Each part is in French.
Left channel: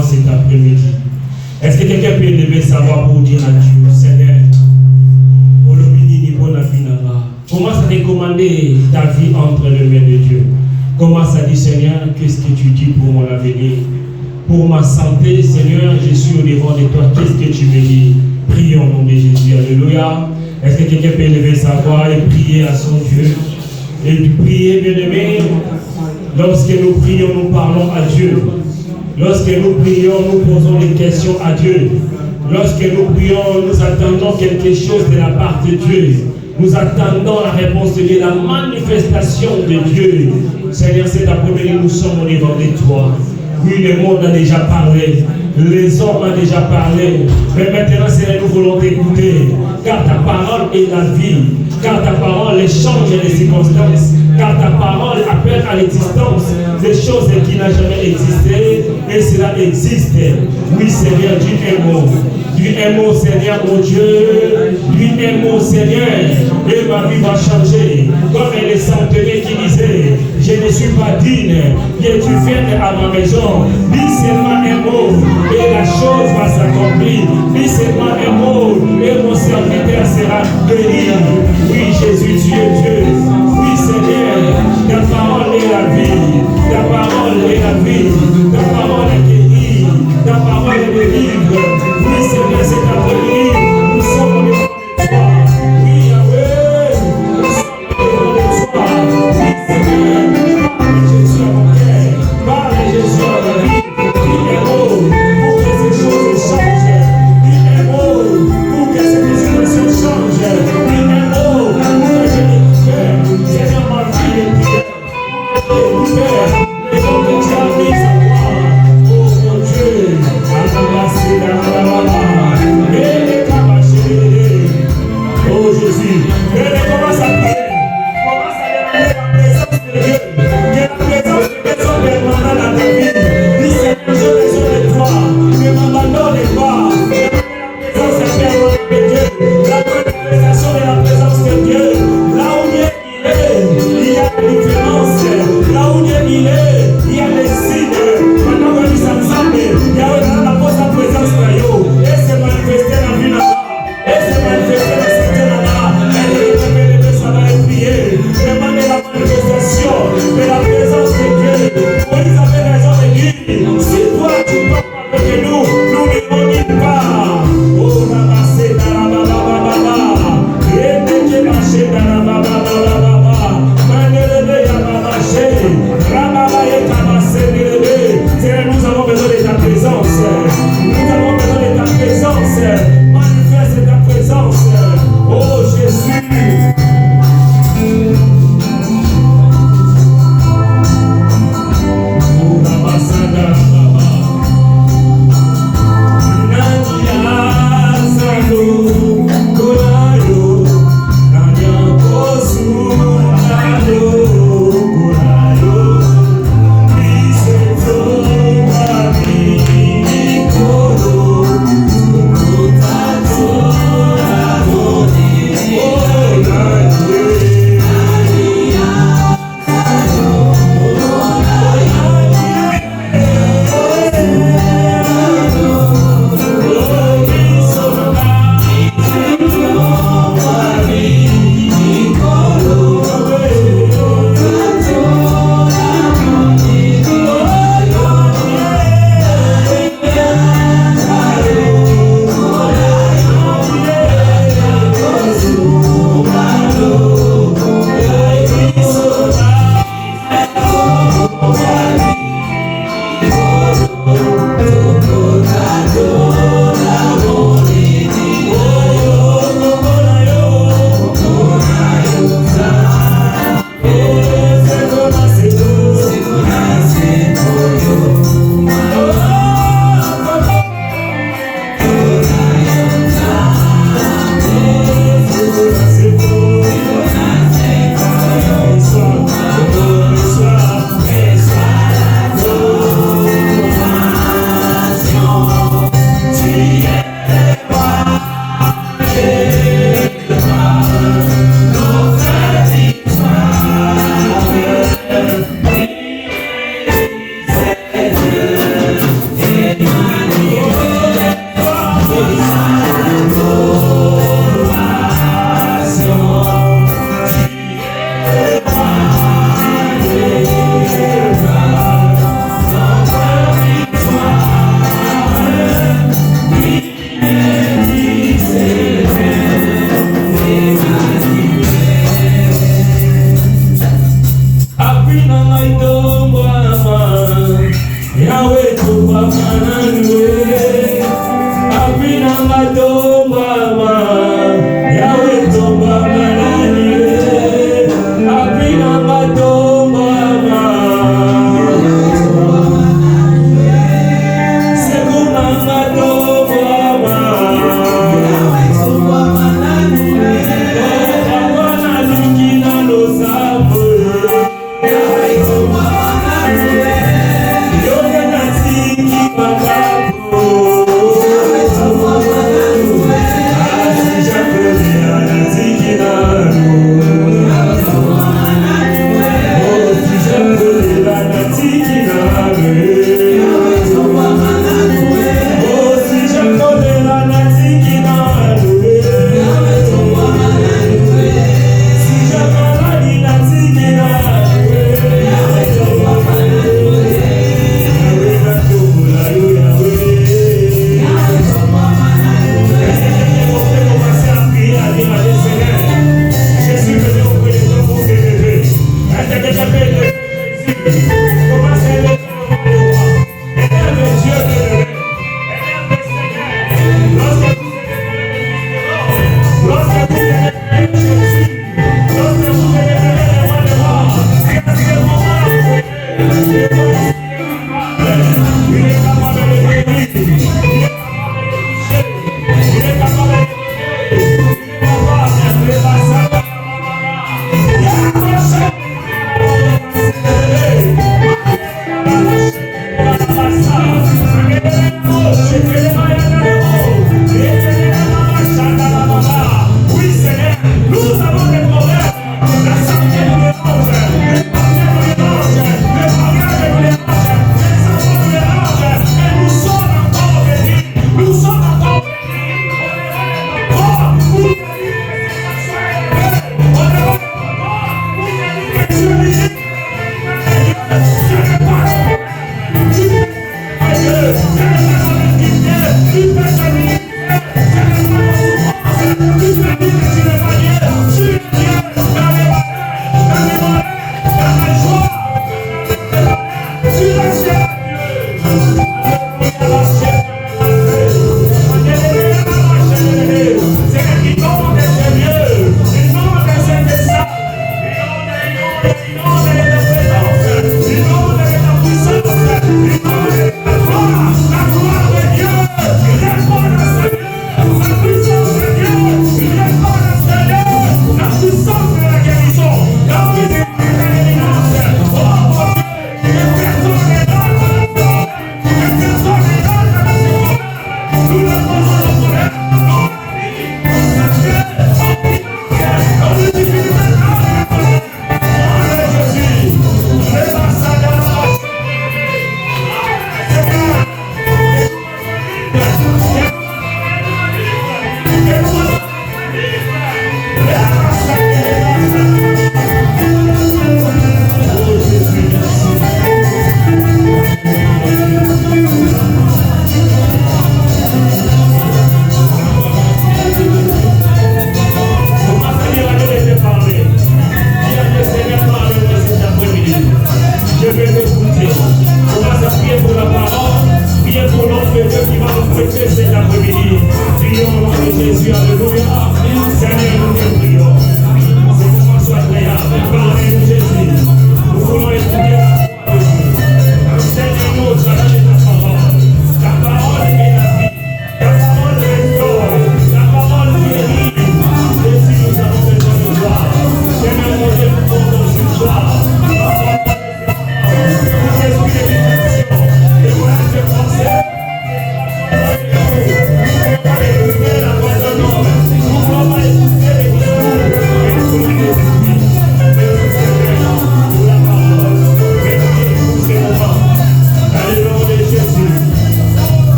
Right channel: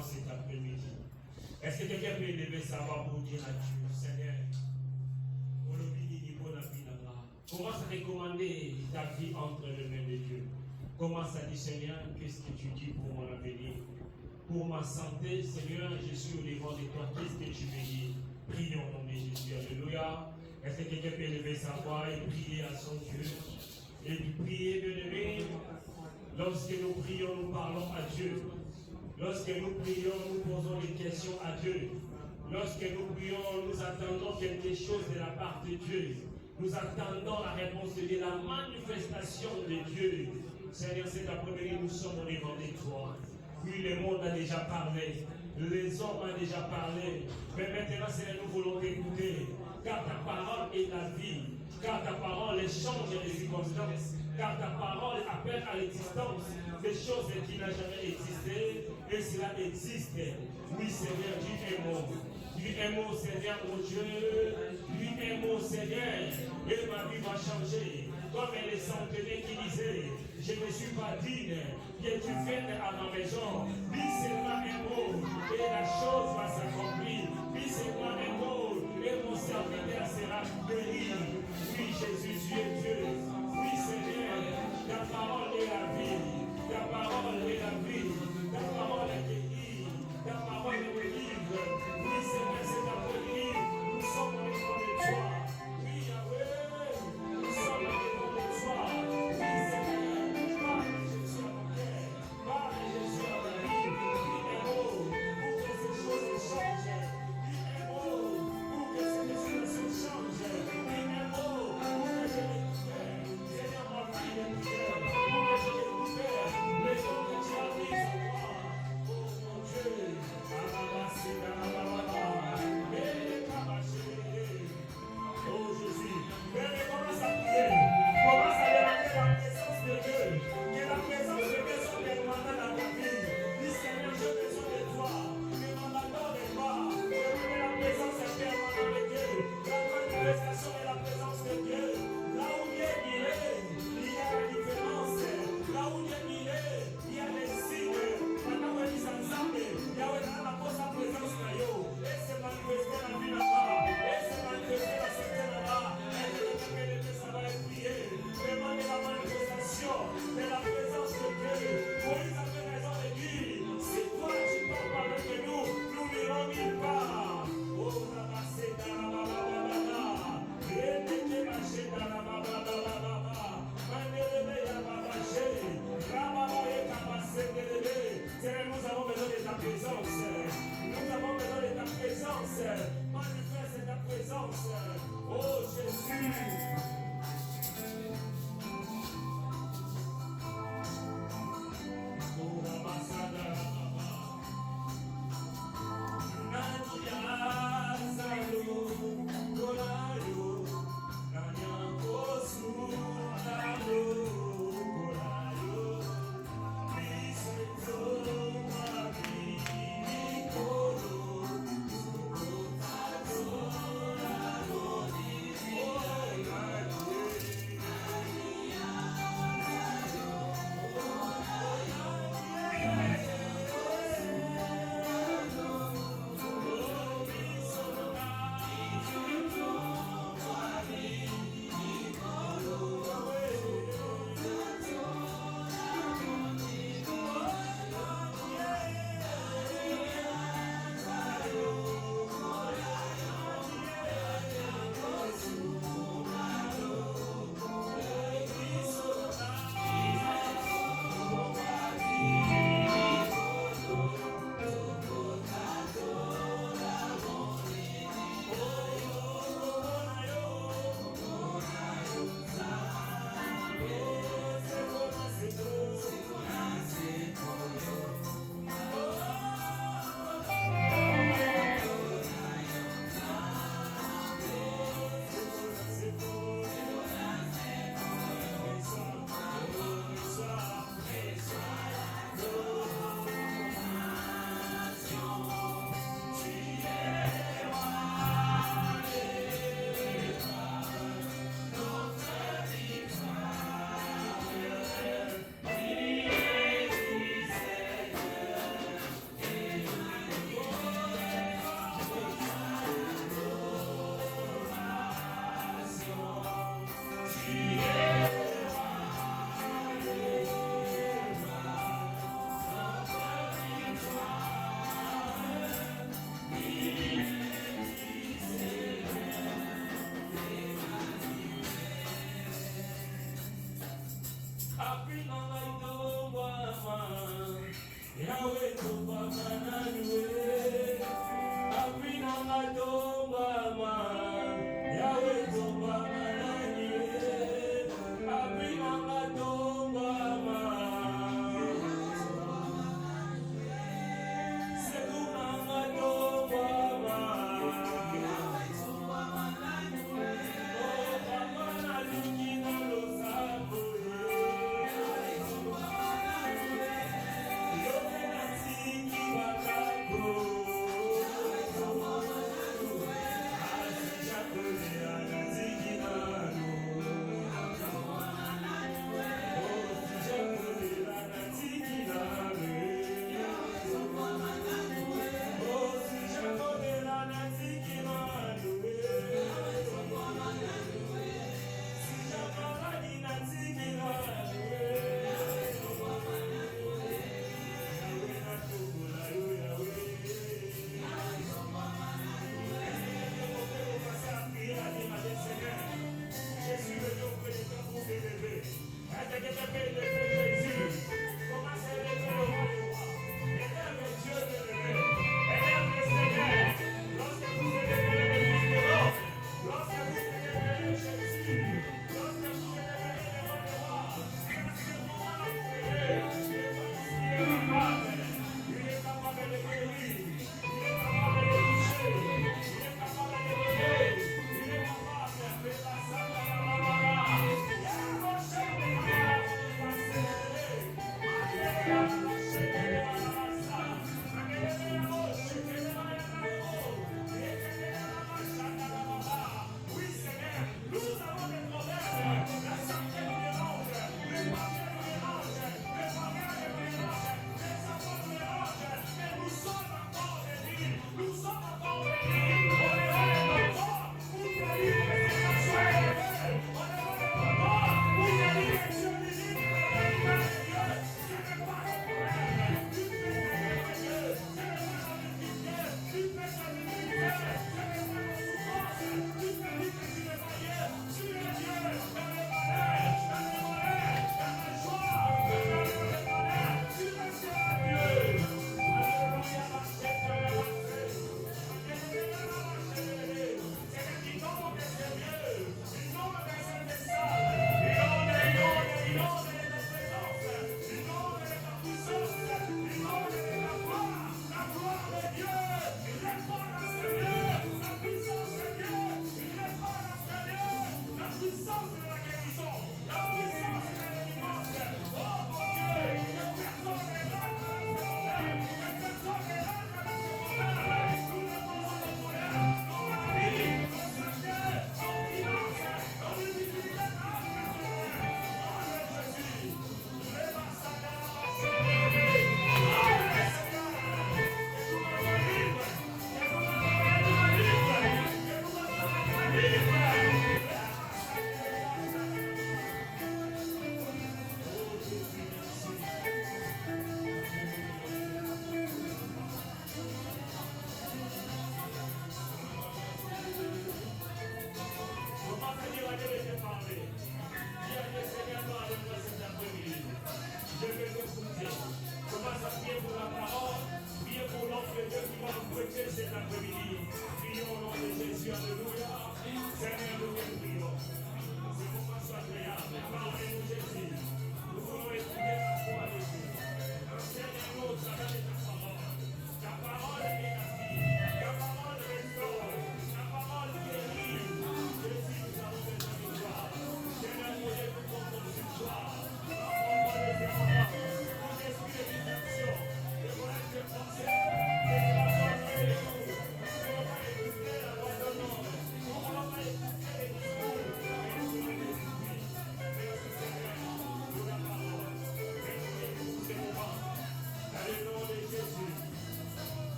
moi cet après-midi. Est-ce que quelqu'un peut lever sa voix pour dire à Dieu, Seigneur, commence à recommander ta vie entre les mains de Dieu. Commence à dire, Seigneur, qu'est-ce que tu dis pour mon avenir? Pour ma santé, Seigneur, je suis au devant de toi. Qu'est-ce que tu me dis? Prie au nom de Jésus. Alléluia. Est-ce que quelqu'un peut lever sa voix et prier à son Dieu? Et prier, bien-aimé. Lorsque nous prions, nous parlons à Dieu. Lorsque nous prions, nous posons des questions à Dieu. Lorsque nous prions, nous attendons quelque chose de la part de Dieu. Nous attendons la réponse de Dieu, la manifestation de Dieu. Seigneur, cet après-midi, nous sommes au devant de toi. Oui, le monde a déjà parlé. Les hommes ont déjà parlé. Mais maintenant, Seigneur, nous voulons t'écouter. Car ta parole est la vie. Car ta parole change les circonstances. Car ta parole appelle à l'existence des choses qui n'ont jamais existé. Et cela existe. Oui, Seigneur, dis un mot. Dis un mot, Seigneur, mon Dieu. Dis un mot, Seigneur. Et ma vie va changer. Comme les centenaires qui disaient, je ne suis pas digne que tu viennes à ma maison. Dis seulement un mot et la chose va s'accomplir. Dis seulement un mot et mon serviteur sera béni. Oui, Jésus, tu es Dieu. Oui, Seigneur, ta parole est la vie. Ta parole est la vie. Ta parole est guérie. Ta parole est le livre. Oui, Seigneur, c'est ta vie. Nous sommes au devant de toi. Oui, Yahweh, nous sommes au devant de toi. Oui, Seigneur, parle Jésus à mon cœur. Parle Jésus à ma vie. Dis un mot pour que ces choses changent. Dis un mot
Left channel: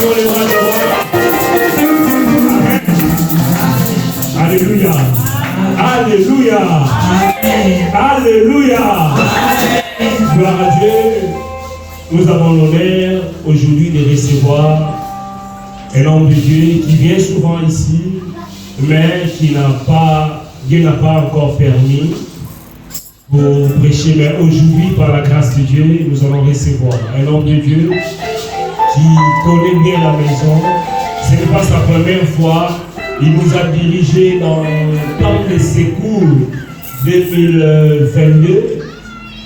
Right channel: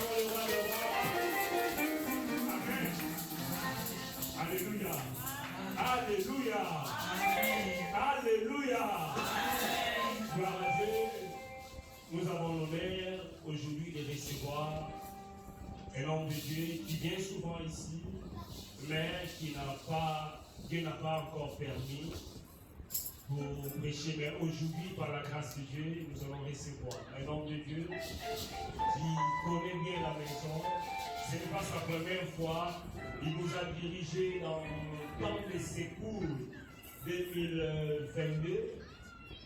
Levons les bras de roi. Amen. Alléluia. Alléluia. Alléluia. Gloire à Dieu. Nous avons l'honneur aujourd'hui de recevoir un homme de Dieu qui vient souvent ici, mais Dieu n'a pas encore permis pour prêcher. Mais aujourd'hui, par la grâce de Dieu, nous allons recevoir un homme de Dieu qui connaît bien la maison. Ce n'est pas sa première fois. Il nous a dirigés dans le temps de secours 2022.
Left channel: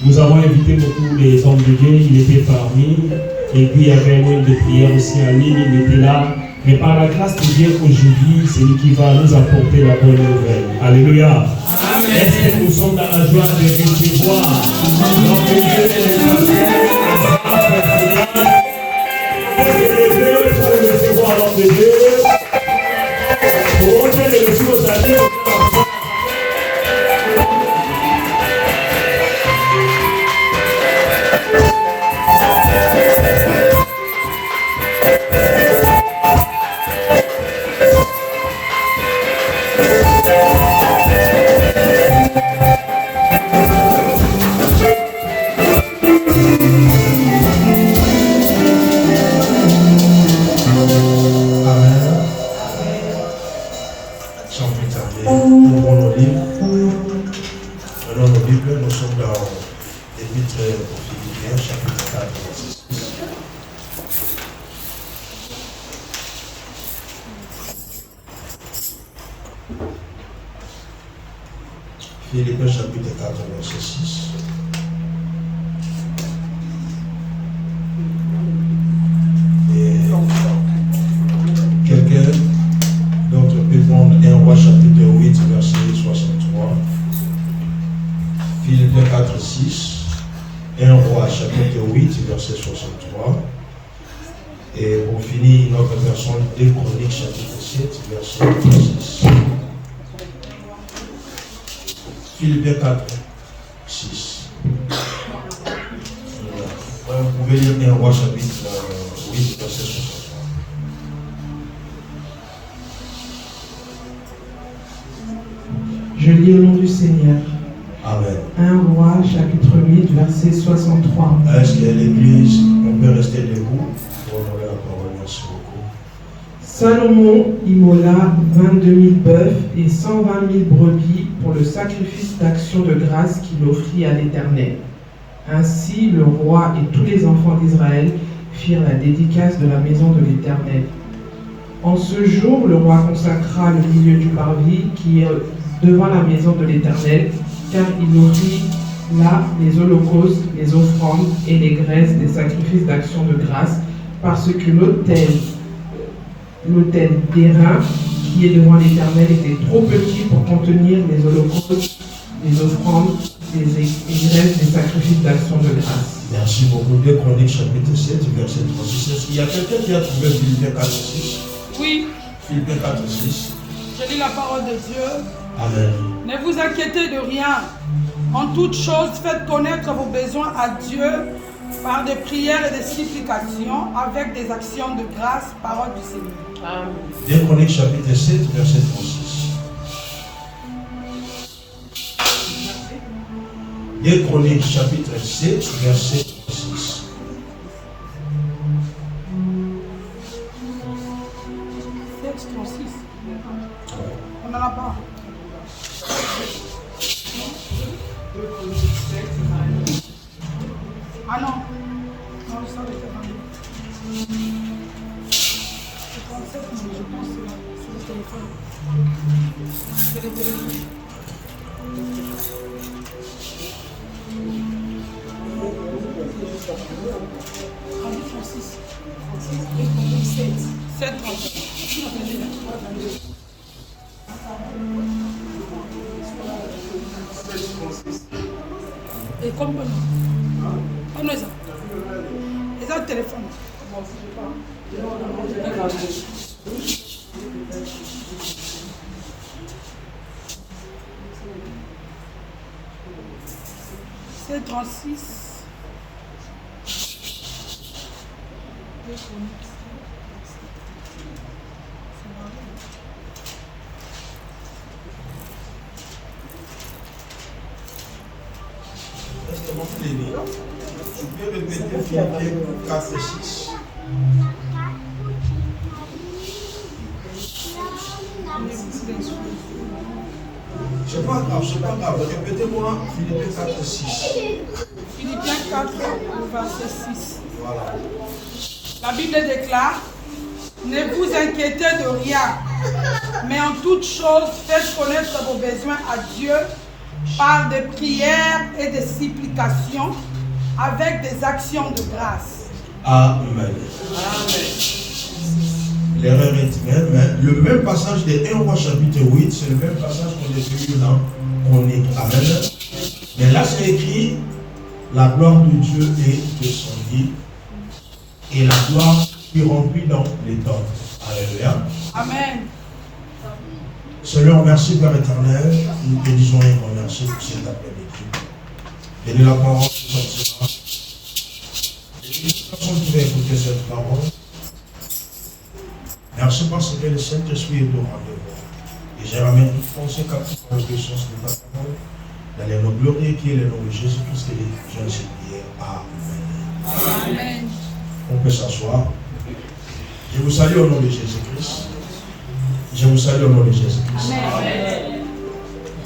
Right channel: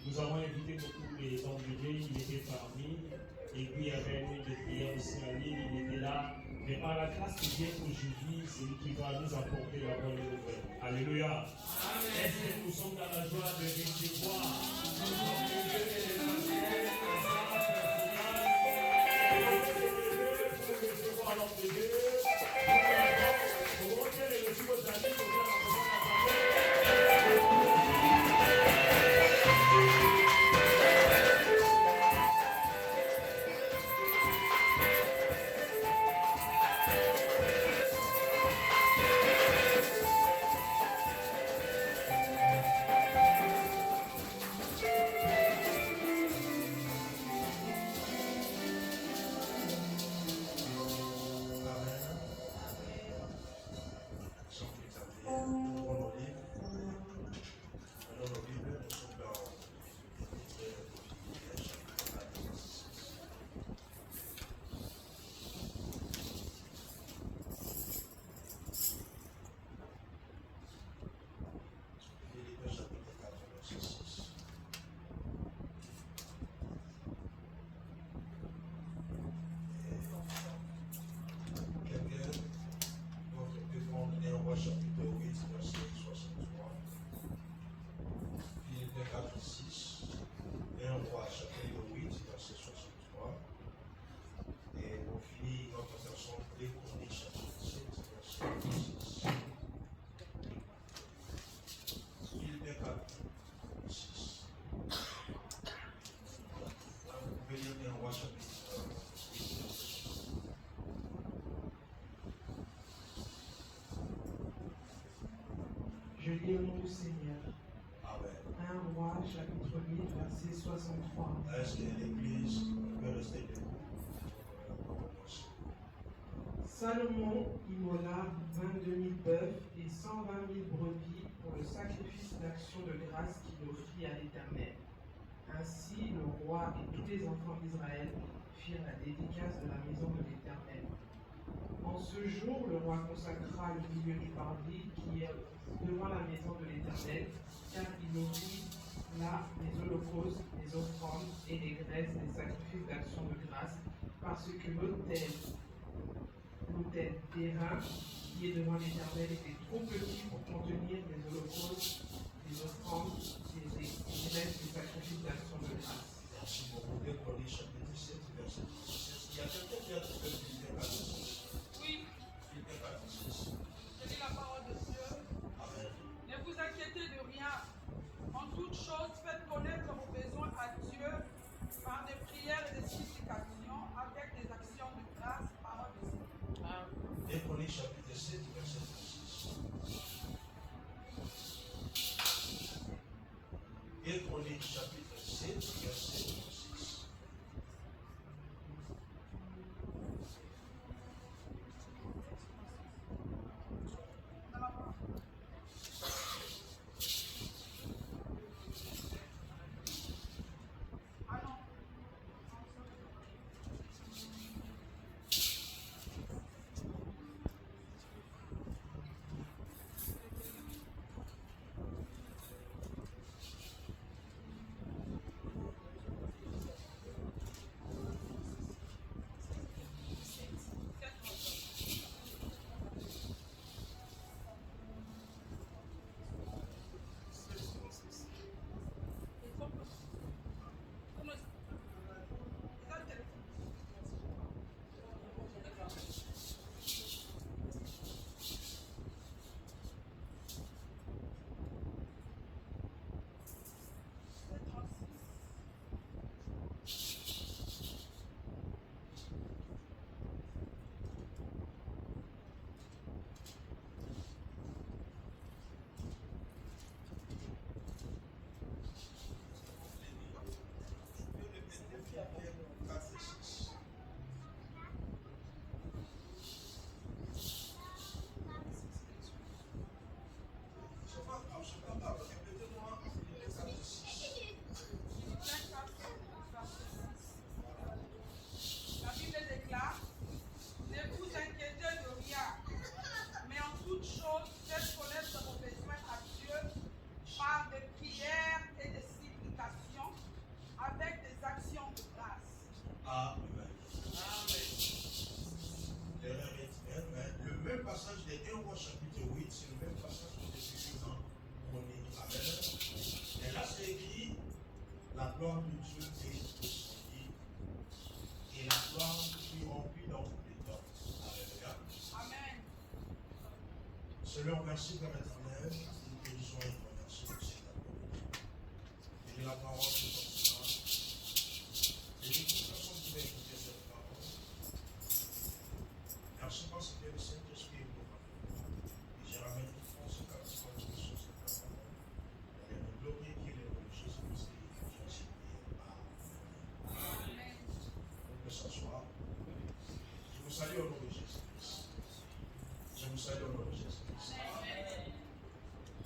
Nous avons invité beaucoup les hommes de Dieu, il était parmi. Et puis il y avait un moyen de prière aussi en ligne, il était là. Mais par la grâce de Dieu, aujourd'hui, c'est lui qui va nous apporter la bonne nouvelle. Alléluia. Est-ce que nous sommes dans la joie de recevoir l'homme de Dieu et les pour recevoir l'homme de Dieu. Pour ôter les ressources à Dieu. Philippiens chapitre 4, verset 6. Et quelqu'un d'autre peut prendre 1 Roi chapitre 8, verset 63. Philippiens 4, 6. 1 Roi chapitre 8, verset 63. Et pour finir, notre version 2 Chroniques chapitre 7, verset 6. Philippiens 4, 6. Vous pouvez lire 1 Roi chapitre 8, verset 63. Je lis au nom du Seigneur. Amen. 1 Roi chapitre 8, verset 63. Est-ce que l'Église, on peut rester debout pour honorer la parole? Merci beaucoup. Salomon immola 22 000 bœufs et 120 000 brebis pour le sacrifice d'action de grâce qu'il offrit à l'Éternel. Ainsi, le roi et tous les enfants d'Israël firent la dédicace de la maison de l'Éternel. En ce jour, le roi consacra le milieu du parvis qui est devant la maison de l'Éternel, car il offrit là les holocaustes, les offrandes et les graisses des sacrifices d'action de grâce, parce que l'autel d'airain qui est devant l'Éternel était trop petit pour contenir les holocaustes, les offrandes, les graisses des sacrifices d'action de grâce. Merci beaucoup. 2 Chroniques chapitre 7, verset 36. Est-ce qu'il y a quelqu'un qui a trouvé Philippiens 4, 6? Oui. Philippiens 4, 6. Je lis la parole de Dieu. Amen. Ne vous inquiétez de rien. En toute chose, faites connaître vos besoins à Dieu par des prières et des supplications avec des actions de grâce, parole du Seigneur. Amen. 2 Chroniques chapitre 7, verset 36. 2 Chroniques chapitre 7, verset 36. On n'en a pas. Ah non. Non, ça va être je pense que c'est le téléphone. C'est le téléphone. Et comme on est ça. Et ça, le téléphone. C'est 36. pouvez répéter Philippiens 4 et 6. C'est pas grave. Répétez-moi Philippiens 4 et 6. Philippiens 4, verset 6. Voilà. La Bible déclare: ne vous inquiétez de rien, mais en toute chose, faites connaître vos besoins à Dieu par des prières et des supplications avec des actions de grâce. Amen. L'erreur est même, mais le même passage de 1 Roi chapitre 8, c'est le même passage qu'on a vu dans Chronique. Amen. Mais là, c'est écrit: la gloire de Dieu est descendue et la gloire qui remplit dans les temps. Alléluia. Amen. Seigneur, merci Père éternel. Nous te disons un grand merci pour cet après-midi. Bénis la parole qui sortira. Bénis les personnes qui vont écouter cette parole. Merci parce que le Saint-Esprit est au rendez-vous. Et je ramène toute pensée captive par l'obéissance de ta parole. Dans les noms glorieux qui est le nom de Jésus-Christ et les gens prières. Amen. Amen. On peut s'asseoir. Je vous salue au nom de Jésus-Christ. Je vous salue au nom de Jésus-Christ. Amen.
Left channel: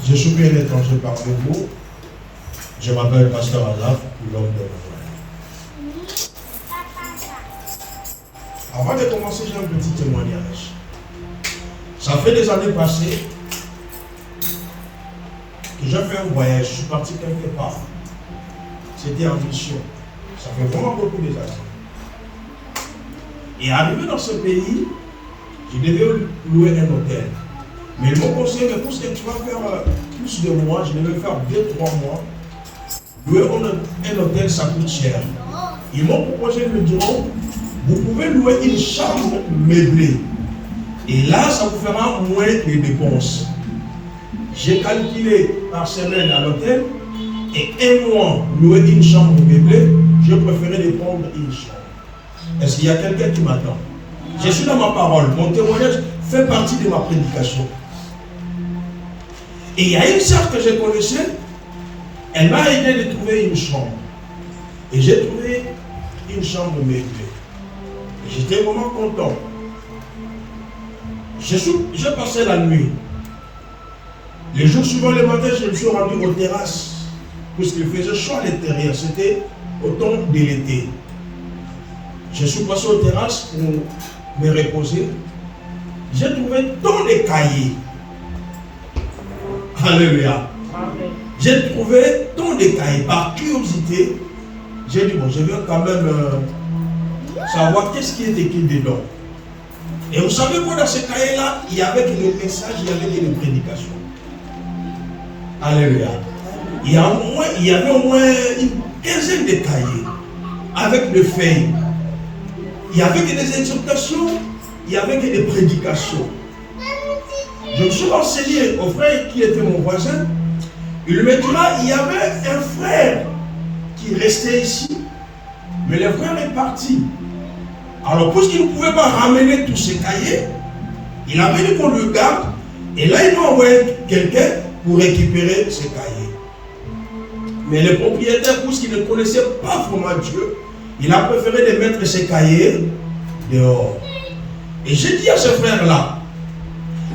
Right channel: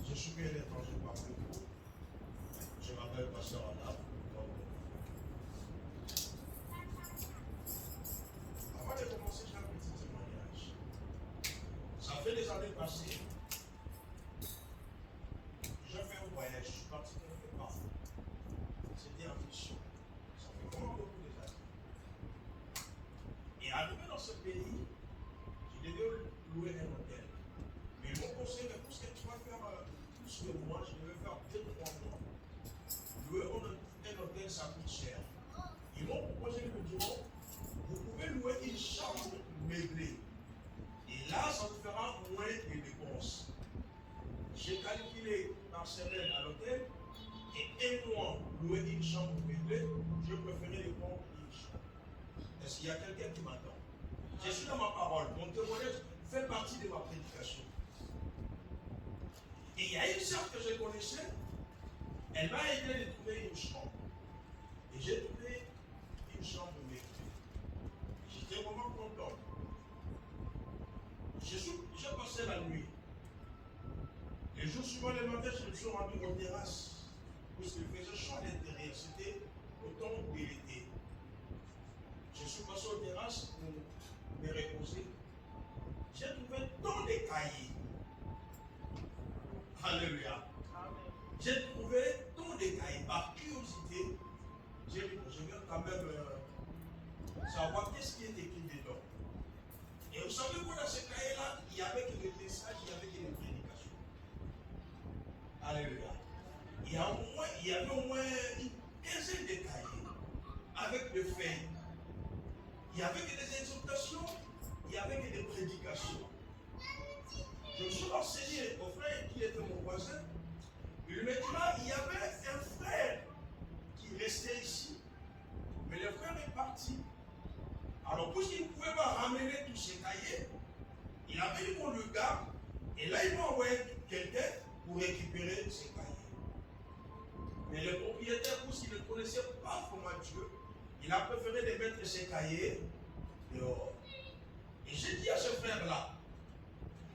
Je suis un étranger parmi vous. Je m'appelle Pasteur Azaf, l'homme de l'Orient. Avant de commencer, j'ai un petit témoignage. Ça fait des années passées que j'ai fait un voyage. Je suis parti quelque part. C'était en mission. Ça fait vraiment beaucoup d'années. Et arrivé dans ce pays, je devais louer un hôtel. Mais ils m'ont conseillé, mais pour ce que tu vas faire plus de mois, je devais faire 2-3 mois. Louer un hôtel, ça coûte cher. Ils m'ont proposé, ils me diront, vous pouvez louer une chambre meublée. Et là, ça vous fera moins de dépenses. J'ai calculé par semaine à l'hôtel, et un mois louer une chambre meublée, je préférais de prendre une chambre. Est-ce qu'il y a quelqu'un qui m'attend? Je suis dans ma parole. Mon témoignage fait partie de ma prédication. Et il y a une sœur que je connaissais, elle m'a aidé de trouver une chambre. Et j'ai trouvé une chambre meublée. J'étais vraiment content. J'ai passé la nuit. Les jours suivants, le matin, je me suis rendu aux terrasses. Parce qu'il faisait chaud à l'intérieur. C'était au temps de l'été. Je suis passé aux terrasses pour me reposer. J'ai trouvé tant de cahiers. Alléluia. J'ai trouvé tant de cahiers. Par curiosité, j'ai dit, bon, je vais quand même savoir qu'est-ce qui est écrit dedans. Et vous savez quoi, dans ces cahiers-là, il y avait des messages, il y avait des prédications. Alléluia. Il y avait au moins une quinzaine de cahiers avec des feuilles. Il y avait que des exhortations, il y avait que des prédications. Je me suis renseigné au frère qui était mon voisin. Il me dira, il y avait un frère qui restait ici, mais le frère est parti. Alors, puisqu'il ne pouvait pas ramener tous ces cahiers, il avait dit qu'on le garde, et là, il m'a envoyé quelqu'un pour récupérer ces cahiers. Mais le propriétaire, puisqu'il ne connaissait pas vraiment Dieu, il a préféré de mettre ses cahiers dehors. Et j'ai dit à ce frère-là,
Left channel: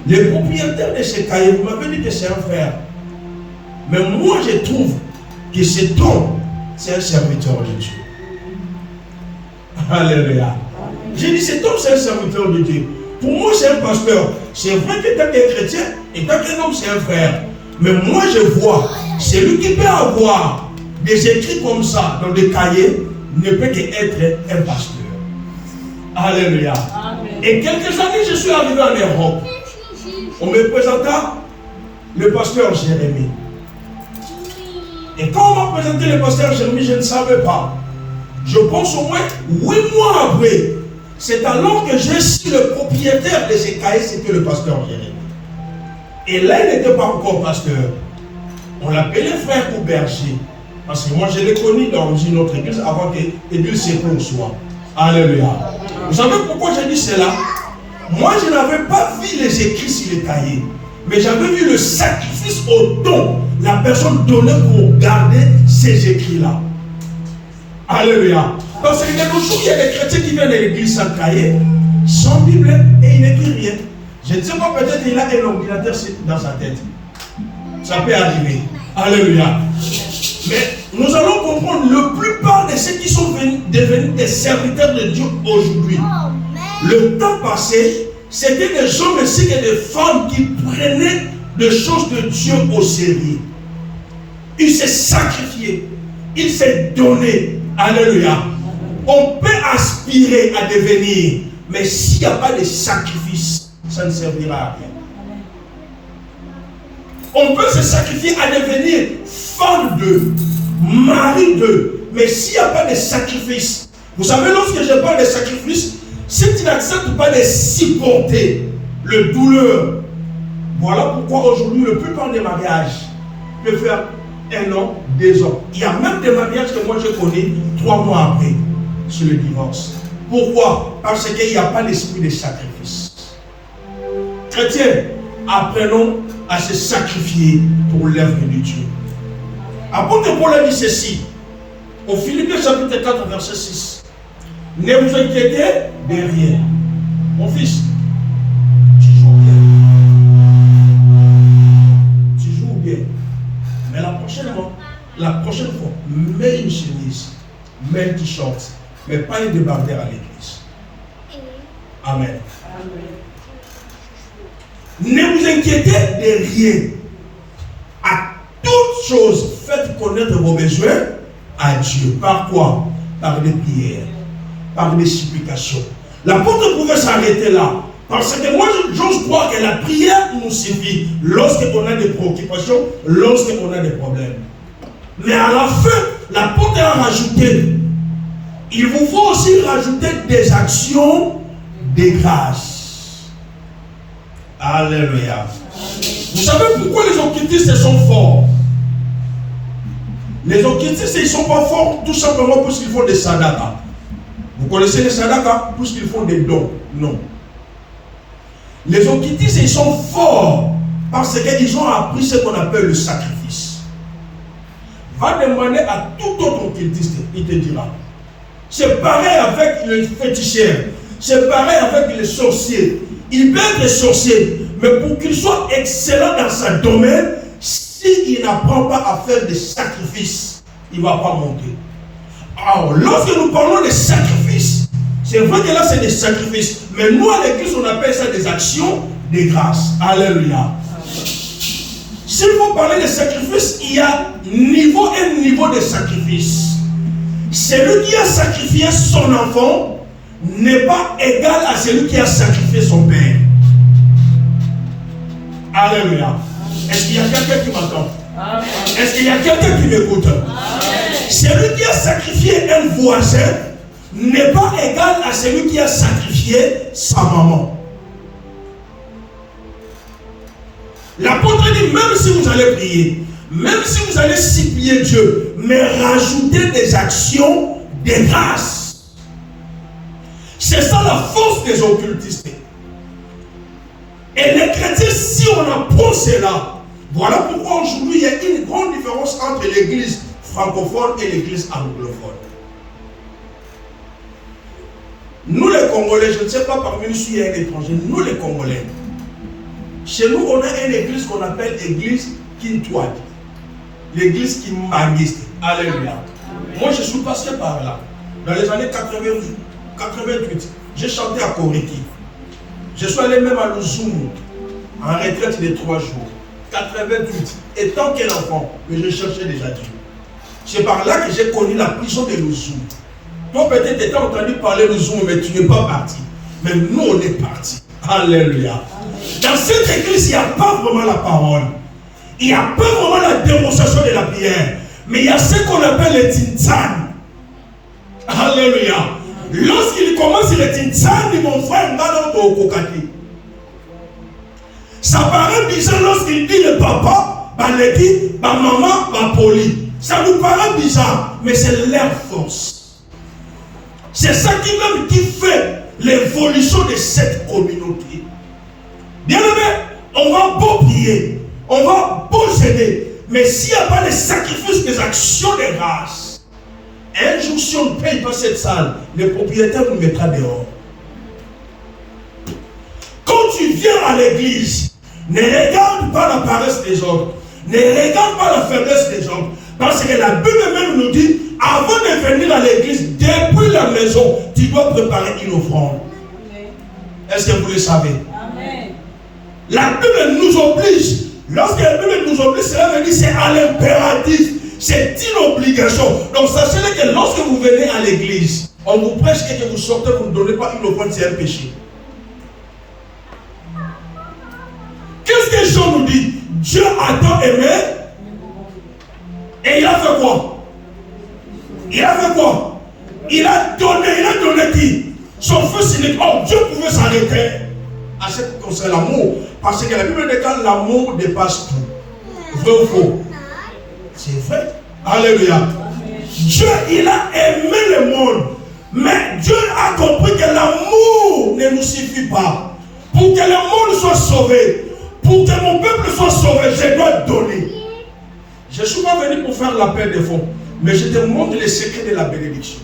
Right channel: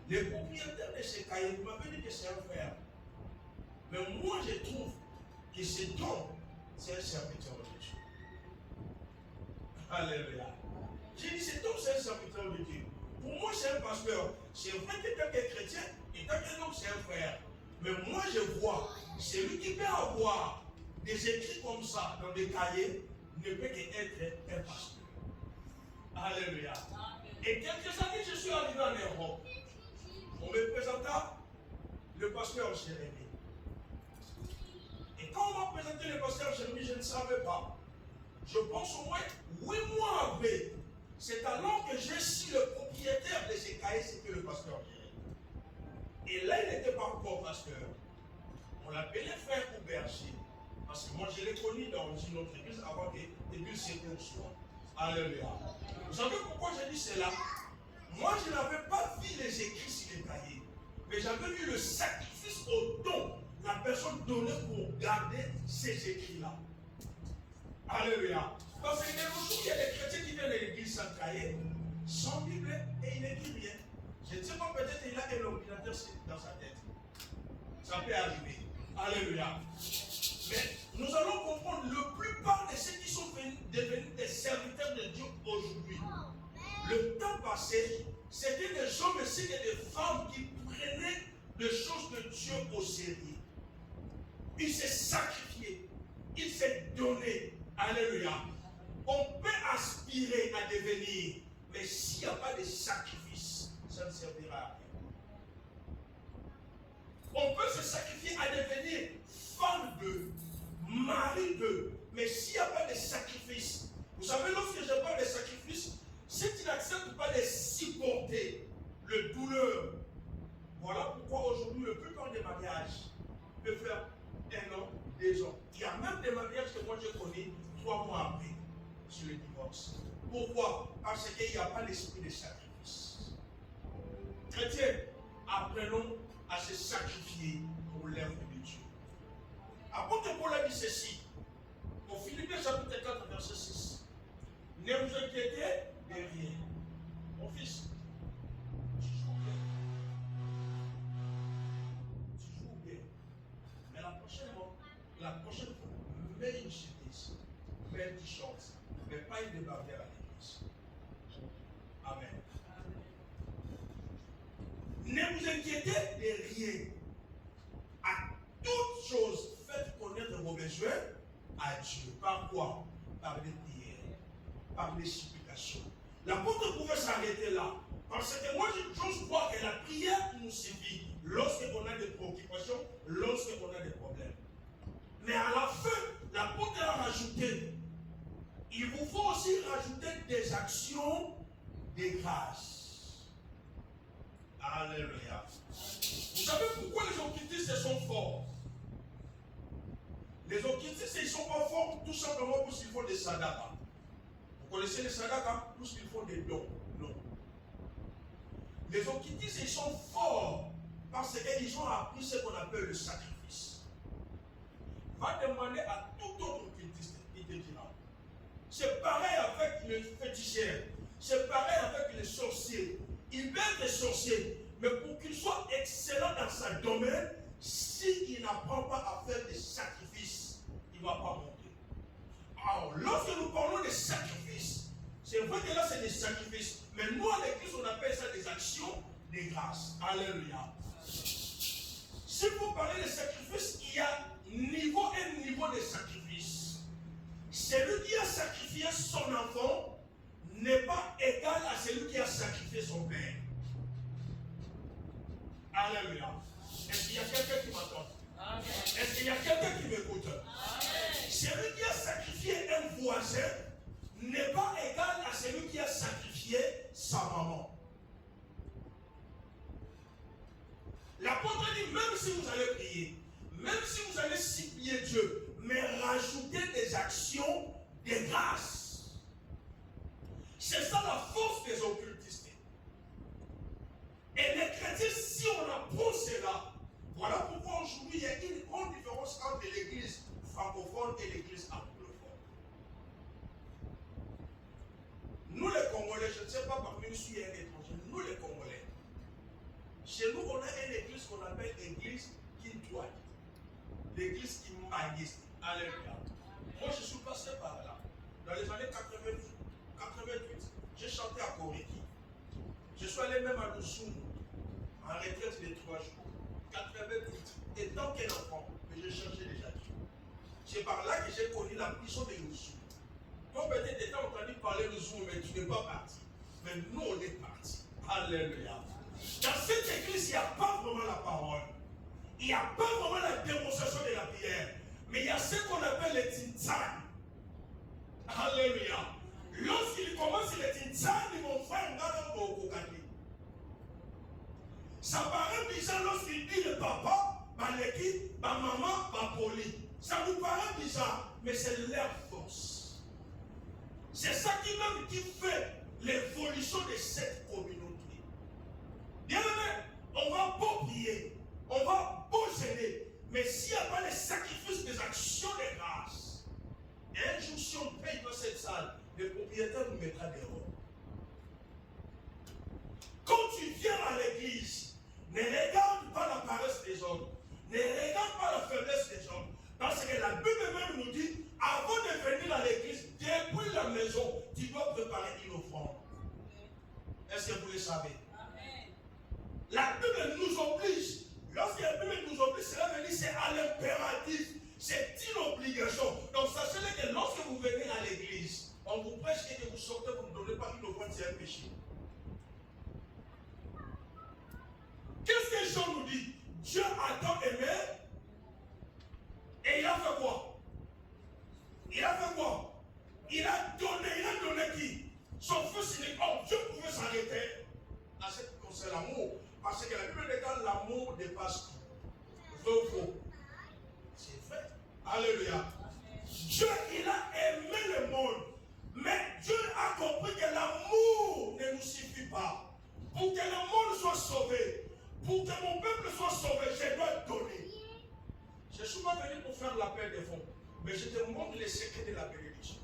le propriétaire de ces cahiers, vous m'avez dit que c'est un frère. Mais moi, je trouve que cet homme, c'est un serviteur de Dieu. Alléluia. J'ai dit, cet homme, c'est un serviteur de Dieu. Pour moi, c'est un pasteur. C'est vrai que tant qu'un chrétien et tant qu'un homme, c'est un frère. Mais moi, je vois, celui qui peut avoir des écrits comme ça dans des cahiers, ne peut qu'être un pasteur. Alléluia. Amen. Et quelques années, je suis arrivé en Europe. On me présenta le pasteur Jérémie. Et quand on m'a présenté le pasteur Jérémie, je ne savais pas. Je pense au moins 8 mois après. C'est alors que j'ai su le propriétaire de ces cahiers, c'était le pasteur Jérémie. Et là, il n'était pas encore pasteur. On l'appelait frère ou berger. Parce que moi, je l'ai connu dans une autre église avant qu'Église Secours soit. Alléluia. Vous savez pourquoi j'ai dit cela? Moi, je n'avais pas vu les écrits sur les cahiers. Mais j'avais vu le sacrifice au don. La personne donnait pour garder ces écrits-là. Alléluia. Parce que de nos jours, il y a des chrétiens qui viennent à l'église sans cahier, sans Bible, et ils n'écrivent rien. Je ne sais pas, peut-être il a un ordinateur dans sa tête. Ça peut arriver. Alléluia. Mais nous allons comprendre, la plupart de ceux qui sont devenus des serviteurs de Dieu aujourd'hui, le temps passé, c'était des hommes ainsi que des femmes qui prenaient des choses de Dieu au sérieux. Ils s'est sacrifiés. Ils s'est donné. Alléluia. On peut aspirer à devenir, mais s'il n'y a pas de sacrifice, ça ne servira à rien. On peut se sacrifier à devenir femme d'eux, mari d'eux, mais s'il n'y a pas de sacrifice, vous savez, lorsque je parle de sacrifice, si tu n'acceptes pas de supporter le douleur, voilà pourquoi aujourd'hui, la plupart des mariages peuvent faire 1 an, 2 ans. Il y a même des mariages que moi je connais 3 mois après, sur le divorce. Pourquoi? Parce qu'il n'y a pas l'esprit de sacrifice. Chrétiens, apprenons à se sacrifier pour l'œuvre de Dieu. Apôtre Paul a dit ceci, au Philippiens chapitre 4, verset 6. Ne vous inquiétez de rien. Mon fils, tu joues bien. Tu joues bien. Mais la prochaine fois, mets une chemise, mets un t-shirt, mais pas un débardeur à l'église. Amen. Ne vous inquiétez de rien. À toutes choses, faites connaître vos besoins à Dieu. Par quoi? Par des prières, par des supplications. L'apôtre pouvait s'arrêter là. Parce que moi, j'ose croire que la prière nous suffit lorsqu'on a des préoccupations, lorsqu'on a des problèmes. Mais à la fin, l'apôtre a rajouté, il vous faut aussi rajouter des actions de grâce. Alléluia. Vous savez pourquoi les occultistes sont forts? Les occultistes, ils ne sont pas forts tout simplement parce qu'ils font des sadakas. Vous connaissez les sadakas? Parce qu'ils font des dons. Non. Les occultistes, ils sont forts parce qu'ils ont appris ce qu'on appelle le sacrifice. Va demander à tout autre occultiste, il te dira. C'est pareil avec les féticheurs, c'est pareil avec les sorciers. Il peut être sorcier, mais pour qu'il soit excellent dans son domaine, s'il n'apprend pas à faire des sacrifices, il ne va pas monter. Alors, lorsque nous parlons de sacrifices, c'est vrai que là c'est des sacrifices, mais nous à l'église on appelle ça des actions de grâce. Alléluia. S'il faut parler de sacrifices, il y a un niveau de sacrifice. Celui qui a sacrifié son enfant n'est pas égal à celui qui a sacrifié son père. Alléluia. Est-ce qu'il y a quelqu'un qui m'entend? Est-ce qu'il y a quelqu'un qui m'écoute? Celui qui a sacrifié un voisin n'est pas égal à celui qui a sacrifié sa maman. L'apôtre dit, même si vous allez prier, même si vous allez supplier Dieu, mais rajoutez des actions de grâce. C'est ça la force des occultistes. Et les chrétiens, si on apprend cela, voilà pourquoi aujourd'hui il y a une grande différence entre l'église francophone et l'église anglophone. Nous les Congolais, je ne sais pas parmi nous s'il y a un étranger, nous les Congolais, chez nous on a une église qu'on appelle l'église Kintouad, l'église Kimbangiste. Alléluia. Moi je suis passé par là, dans les années 88, j'ai chanté à Koriki. Je suis allé même à Luzumu, en retraite de 3 jours. 88, étant qu'un enfant, mais je cherchais déjà Dieu. C'est par là que j'ai connu la prison de Luzumu. Toi peut-être tu as entendu parler de Luzumu, mais tu n'es pas parti. Mais nous on est partis. Alléluia. Dans cette église, il n'y a pas vraiment la parole. Il n'y a pas vraiment la démonstration de la prière. Mais il y a ce qu'on appelle le Tintan. Alléluia. Lorsqu'il commence le Tintan, mon frère, ça paraît bizarre lorsqu'il dit le papa, le maman, poli. Ça nous paraît bizarre, mais c'est leur force. C'est ça qui fait l'évolution de cette communauté. Bien aimé, on va beau prier, on va beau aider, mais s'il n'y a pas les sacrifices, des actions de grâce, Un jour, si on ne paye pas cette salle, le propriétaire nous mettra dehors. Quand tu viens à l'église, ne regarde pas la paresse des autres. Ne regarde pas la faiblesse des autres. Parce que la Bible même nous dit, avant de venir à l'église, depuis la maison, tu dois préparer une offrande. Est-ce que vous le savez? Amen. La Bible nous oblige. Lorsque la Bible nous oblige, cela veut dire c'est à l'impératif. C'est une obligation. Donc sachez que lorsque vous venez à l'église, on vous prêche et que vous sortez, vous ne donnez pas une offrande, c'est un péché. Qu'est-ce que Jean nous dit? Dieu a tant aimé et il a fait quoi? Il a fait quoi? Il a donné qui? Son fils unique. Oh, Dieu pouvait s'arrêter à ce qui concerne l'amour. Parce que la Bible déclare l'amour dépasse tout. Vrai ou faux? C'est vrai. Alléluia. Dieu, il a aimé le monde. Mais Dieu a compris que l'amour ne nous suffit pas. Pour que le monde soit sauvé, pour que mon peuple soit sauvé, je dois donner. Je ne suis pas venu pour faire la paix des fonds, mais je te montre les secrets de la bénédiction.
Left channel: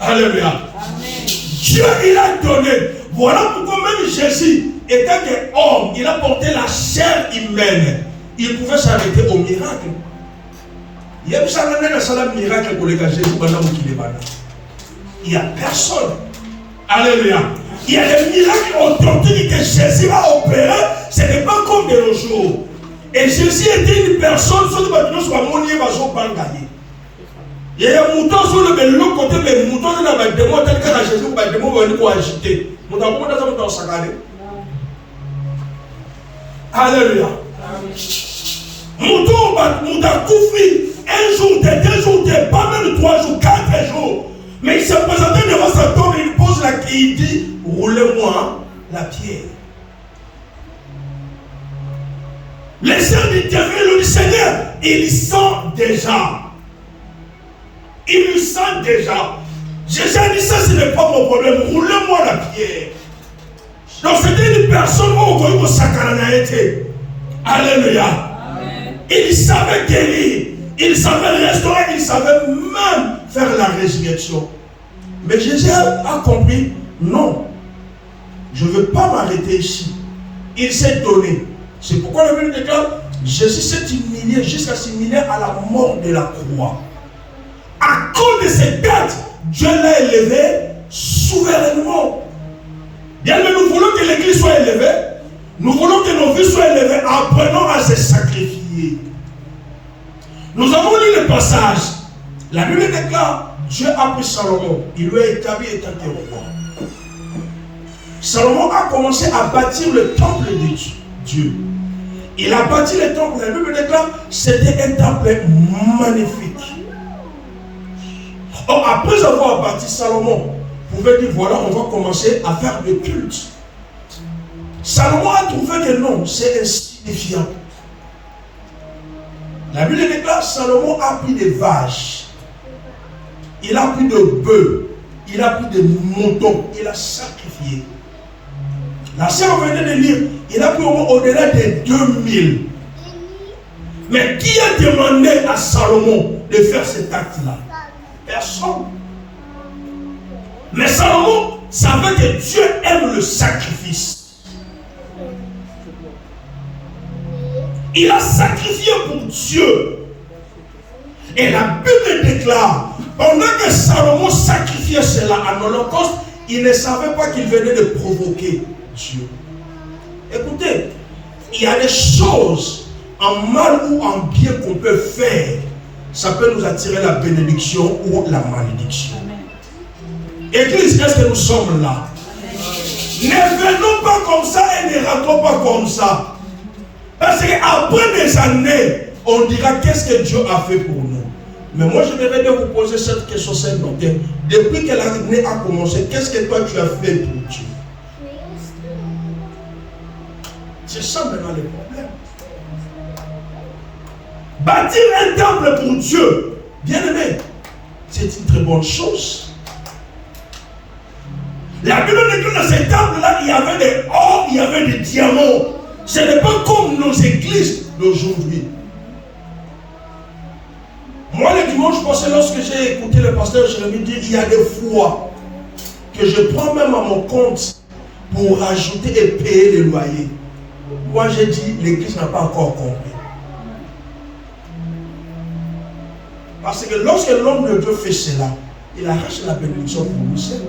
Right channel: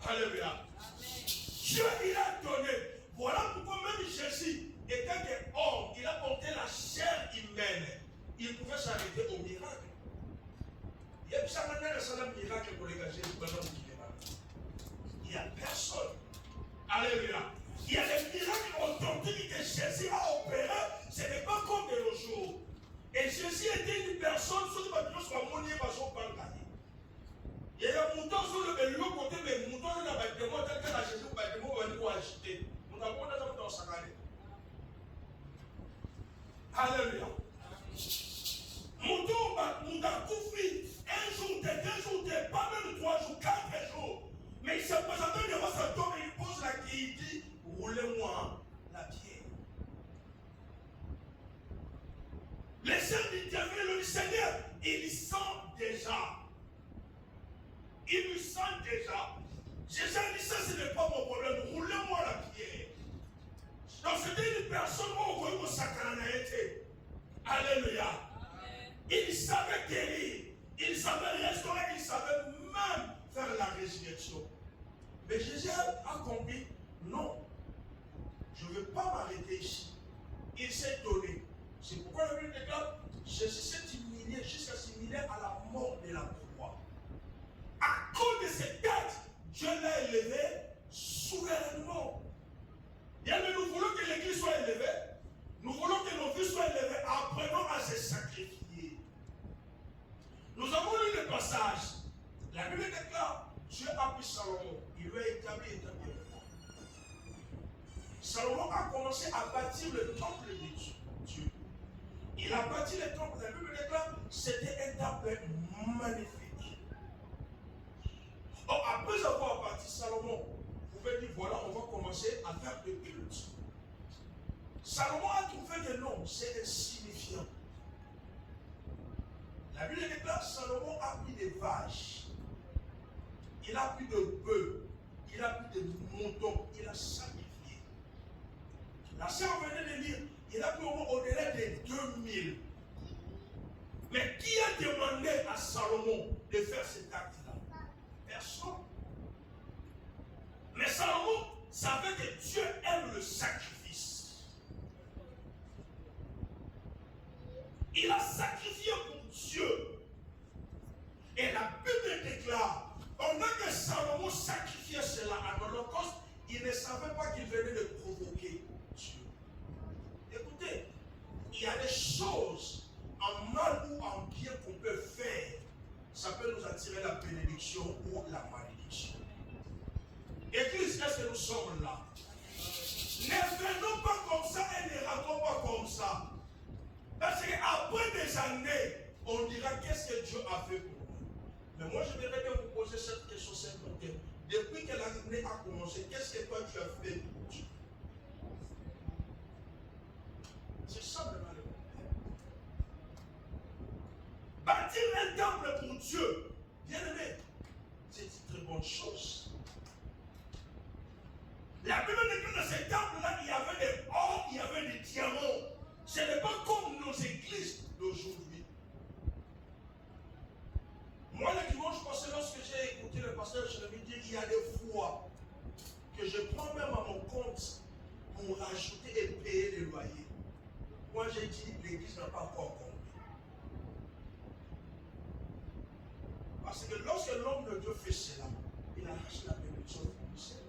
Alléluia. Amen. Dieu, il a donné. Voilà pourquoi même Jésus, étant qu'homme, il a porté la chair humaine. Il pouvait s'arrêter au miracle. Il y a un miracle pour les gars Jésus. Il n'y a personne. Alléluia. Il y a des miracles authentiques que Jésus a opérés. Ce n'est pas comme de nos jours. Et Jésus était une personne, soit de nous soit monier, pas gagner. Il y a un mouton sur le côté, mais le mouton n'a pas de démon, tel que la Jésus va de démon venir pour agiter. Mouton, comment ça va s'accaler? Alléluia. Mouton, mouton, koufi, un jour, deux jours, pas même 3 jours, 4 jours. Mais il s'est présenté devant sa tombe et il pose la clé, il dit, roulez-moi la pierre. Les serviteurs du Seigneur, ils sentent déjà. Ils le sentent déjà. Jésus a dit ça, ce n'est pas mon problème. Roulez-moi la pierre. Donc c'était une personne où on été. Alléluia. Amen. Il savait guérir. Il savait restaurer. Il savait même faire la résurrection. Mais Jésus a compris, non. Je ne veux pas m'arrêter ici. Il s'est donné. C'est pourquoi la Bible déclare, Jésus s'est humilié jusqu'à s'humilier à la mort de la croix. À cause de cette date, Dieu l'a élevé souverainement. Bien, mais nous voulons que l'Église soit élevée. Nous voulons que nos vies soient élevées. Apprenons à se sacrifier. Nous avons lu le passage. La Bible déclare, Dieu a pris Salomon. Il lui a établi étant roi. Salomon a commencé à bâtir le temple de Dieu. Il a bâti le temple. La Bible déclare, c'était un temple magnifique. Or, après avoir bâti Salomon, pouvait dire, voilà, on va commencer à faire le culte. Salomon a trouvé que non, c'est insignifiant. La Bible déclare, Salomon a pris des vaches, il a pris de bœufs, il a pris des moutons, il a sacrifié. La sœur venait de lire, il a pris au-delà de 2000. Mais qui a demandé à Salomon de faire cet acte-là? Personne. Mais Salomon savait que Dieu aime le sacrifice. Il a sacrifié pour Dieu. Et la Bible déclare, pendant que Salomon sacrifiait cela en holocauste, il ne savait pas qu'il venait de provoquer Dieu. Écoutez, il y a des choses en mal ou en bien qu'on peut faire. Ça peut nous attirer la bénédiction ou la malédiction. Église, est-ce que nous sommes là? Amen. Ne venons pas comme ça et ne rentrons pas comme ça. Parce qu'après des années, on dira qu'est-ce que Dieu a fait pour nous. Mais moi, je voudrais bien vous poser cette question, cette note. Depuis que l'année a commencé, qu'est-ce que toi tu as fait pour Dieu? C'est ça maintenant le problème. Bâtir un temple pour Dieu, bien aimé, c'est une très bonne chose. La Bible dit que dans ces temples-là, il y avait des or, il y avait des diamants. Ce n'est pas comme nos églises d'aujourd'hui. Moi, le dimanche parce que lorsque j'ai écouté le pasteur Jérémie dire, il y a des fois que je prends même à mon compte pour rajouter et payer les loyers. Moi j'ai dit, l'église n'a pas encore compris. Parce que lorsque l'homme de Dieu fait cela, il arrache la bénédiction pour vous seul.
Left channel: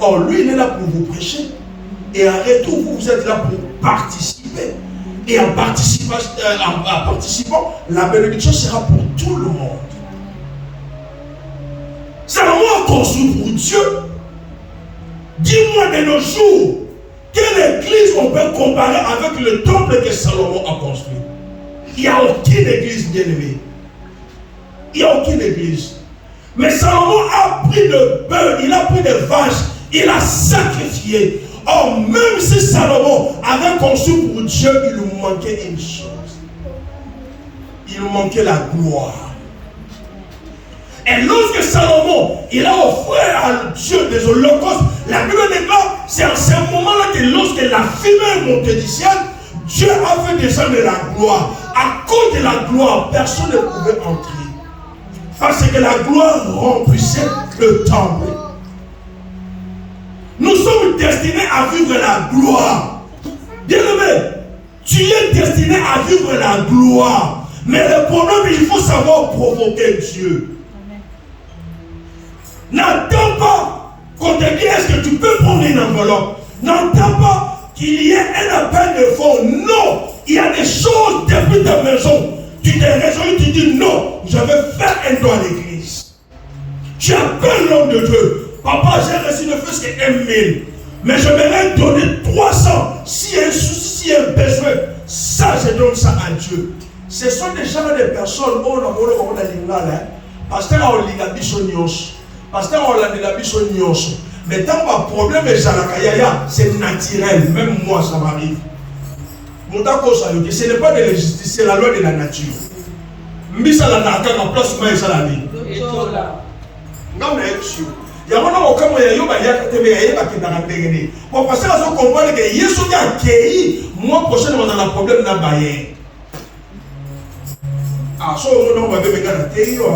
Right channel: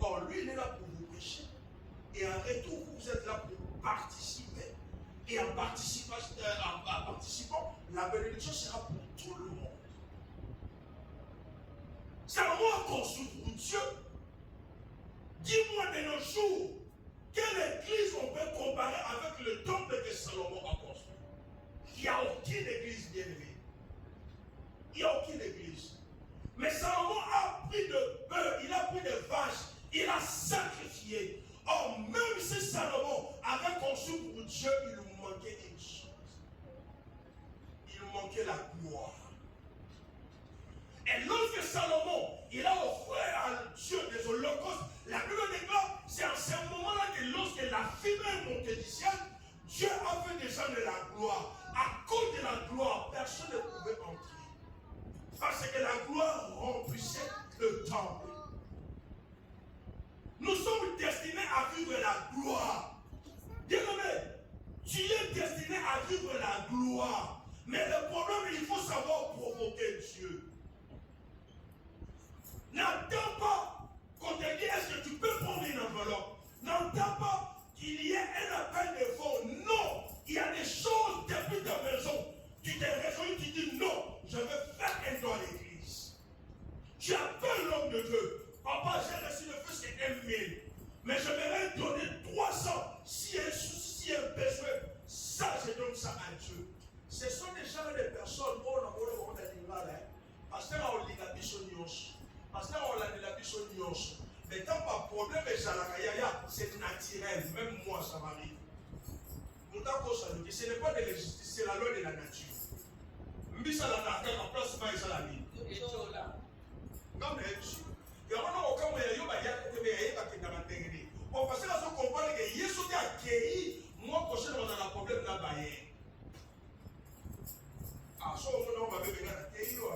Or, lui, il est là pour vous prêcher. Et en retour, vous êtes là pour participer. Et en participant, la bénédiction sera pour tout le monde. Salomon a construit pour Dieu. Dis-moi de nos jours, quelle église on peut comparer avec le temple que Salomon a construit? Il n'y a aucune église bien-aimée. Il n'y a aucune église. Mais Salomon a pris de bœufs, il a pris des vaches, il a sacrifié. Or, même si Salomon avait conçu pour Dieu, il lui manquait une chose. Il lui manquait la gloire. Et lorsque Salomon, il a offert à Dieu des holocaustes, la Bible déclare, c'est en ce moment-là que lorsque la fumée est montée du ciel, Dieu a fait descendre la gloire. À cause de la gloire, personne ne pouvait entrer. Parce que la gloire remplissait le temple. Nous sommes destinés à vivre la gloire. Bien-aimé, tu es destiné à vivre la gloire. Mais le problème, il faut savoir provoquer Dieu. N'attends pas qu'on te dise est-ce que tu peux prendre une enveloppe. N'attends pas qu'il y ait un appel de fonds. Non, il y a des choses depuis ta maison. Tu t'es résolu, tu dis non, je vais faire un don à l'église. Tu appelles l'homme de Dieu. Papa, j'ai reçu ne fût-ce que 1 000. Mais je vais donner 300. S'il y a un souci, s'il y a un besoin, ça, je donne ça à Dieu. Ce sont des gens, des personnes, parce que là, on lit la bichonnios. Parce que on lit la bichonnios. Mais tant que le problème est c'est naturel. Même moi, ça m'arrive. Ce n'est pas de la justice, c'est la loi de la nature. Mbisa la naka na place mais ça la vie. Non mais sûr. Il y a un homme comme il y a un pour passer à ce comprendre que Yesu a accueilli moi prochainement dans le problème n'a pas yé. Ah so on va bien gagner théo.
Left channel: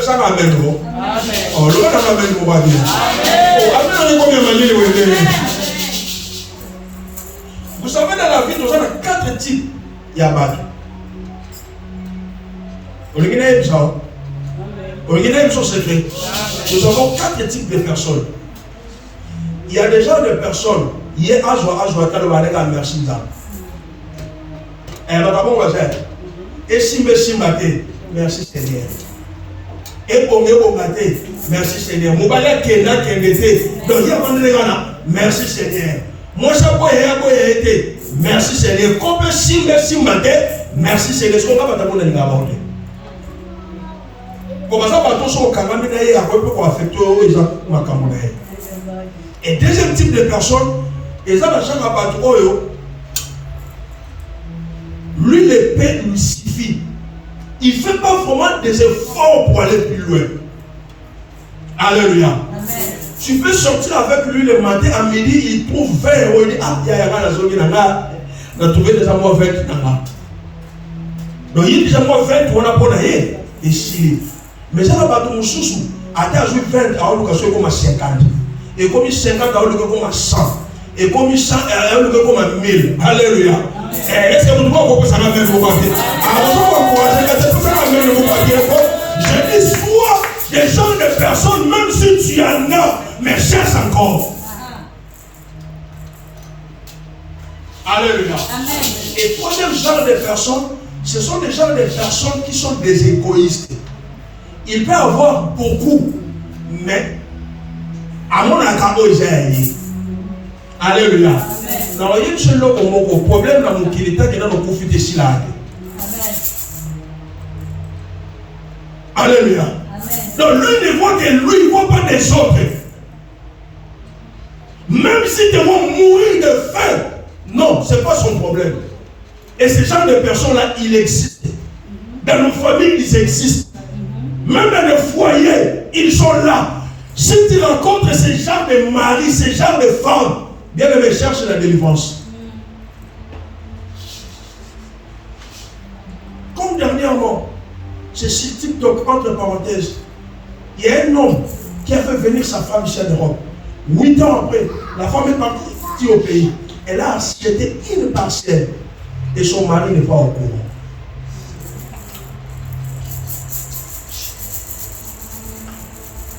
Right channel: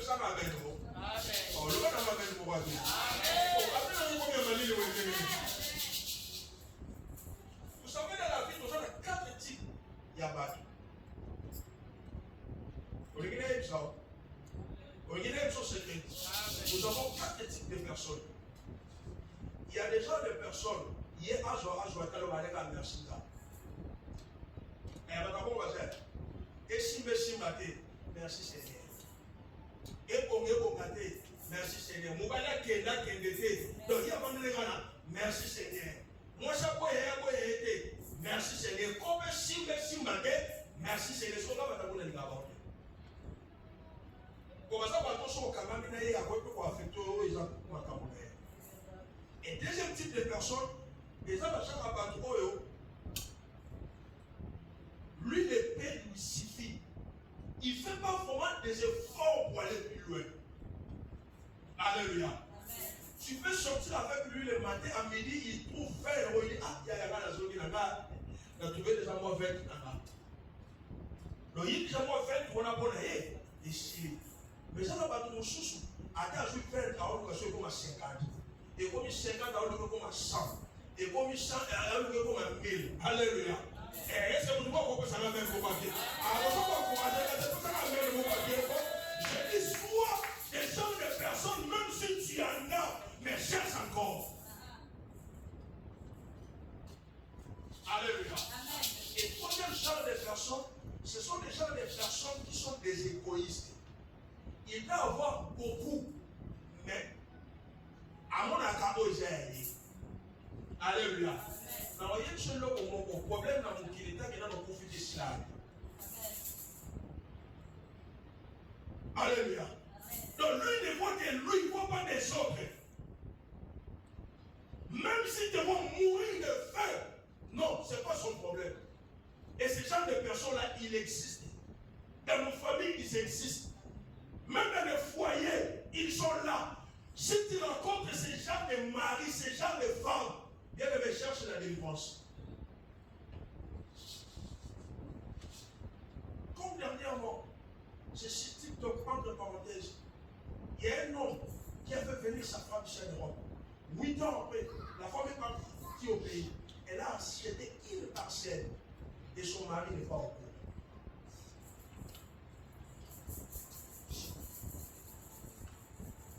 Ça va bien bon. Amen. Oh le va bien bon va bien. Oh amen on combien manier le. Vous savez, dans la vie, nous avons 4 types. Il y a battu. Secret. Nous avons 4 types de personnes. Il y a déjà des personnes. Il y a merci. Et si merci Seigneur. Et pour merci Seigneur. Merci Seigneur. Moi, j'ai été. Merci Seigneur. Comme si merci matin, merci Seigneur. Ce qu'on va pas t'aborder. Comme ça, on va tous au Cameroun, on va affecter les gens au Cameroun. Et deuxième type de personnes, ils ont la chambre à battre. Lui, l'épée lui suffit. Il ne fait pas vraiment des efforts pour aller plus loin. Alléluia. Amen. Tu peux sortir avec lui le matin, à midi, il trouve 20 euros. Il dit, ah, il y a la zone, il a trouvé déjà moi 20 euros. Donc il dit déjà moi 20 euros, on a pas d'ailleurs. Et si. Mais ça va pas tout mon sous. À ta joué 20 euros, il comme 50. Et comme 50 euros, il comme 100. Et comme 100 euros, il comme 1000. Alléluia. Est-ce que vous trouvez que ça va même vous papier? Je dis soit des gens, des personnes, même si tu en as, mais cherche encore. Alléluia. Et troisième genre de personnes, ce sont des gens, des personnes qui sont des égoïstes. Il peut avoir beaucoup, mais à mon accord, j'ai. Alléluia. Dans le seul problème dans mon kilita qui est dans le profit de Sila. Alléluia. Donc lui ne voit que lui, il ne voit pas des autres. Même si tu vas mourir de faim, non, ce n'est pas son problème. Et ce genre de personnes-là, il existe. Dans nos familles, ils existent. Même dans les foyers, ils sont là. Si tu rencontres ce genre de mari, ce genre de femme, bien aimé, cherche la délivrance. Comme dernièrement, ce C'est sur TikTok, entre parenthèses. Il y a un homme qui a fait venir sa femme ici en Europe. 8 ans après, la femme est partie au pays. Elle a acheté une parcelle et son mari n'est pas au courant.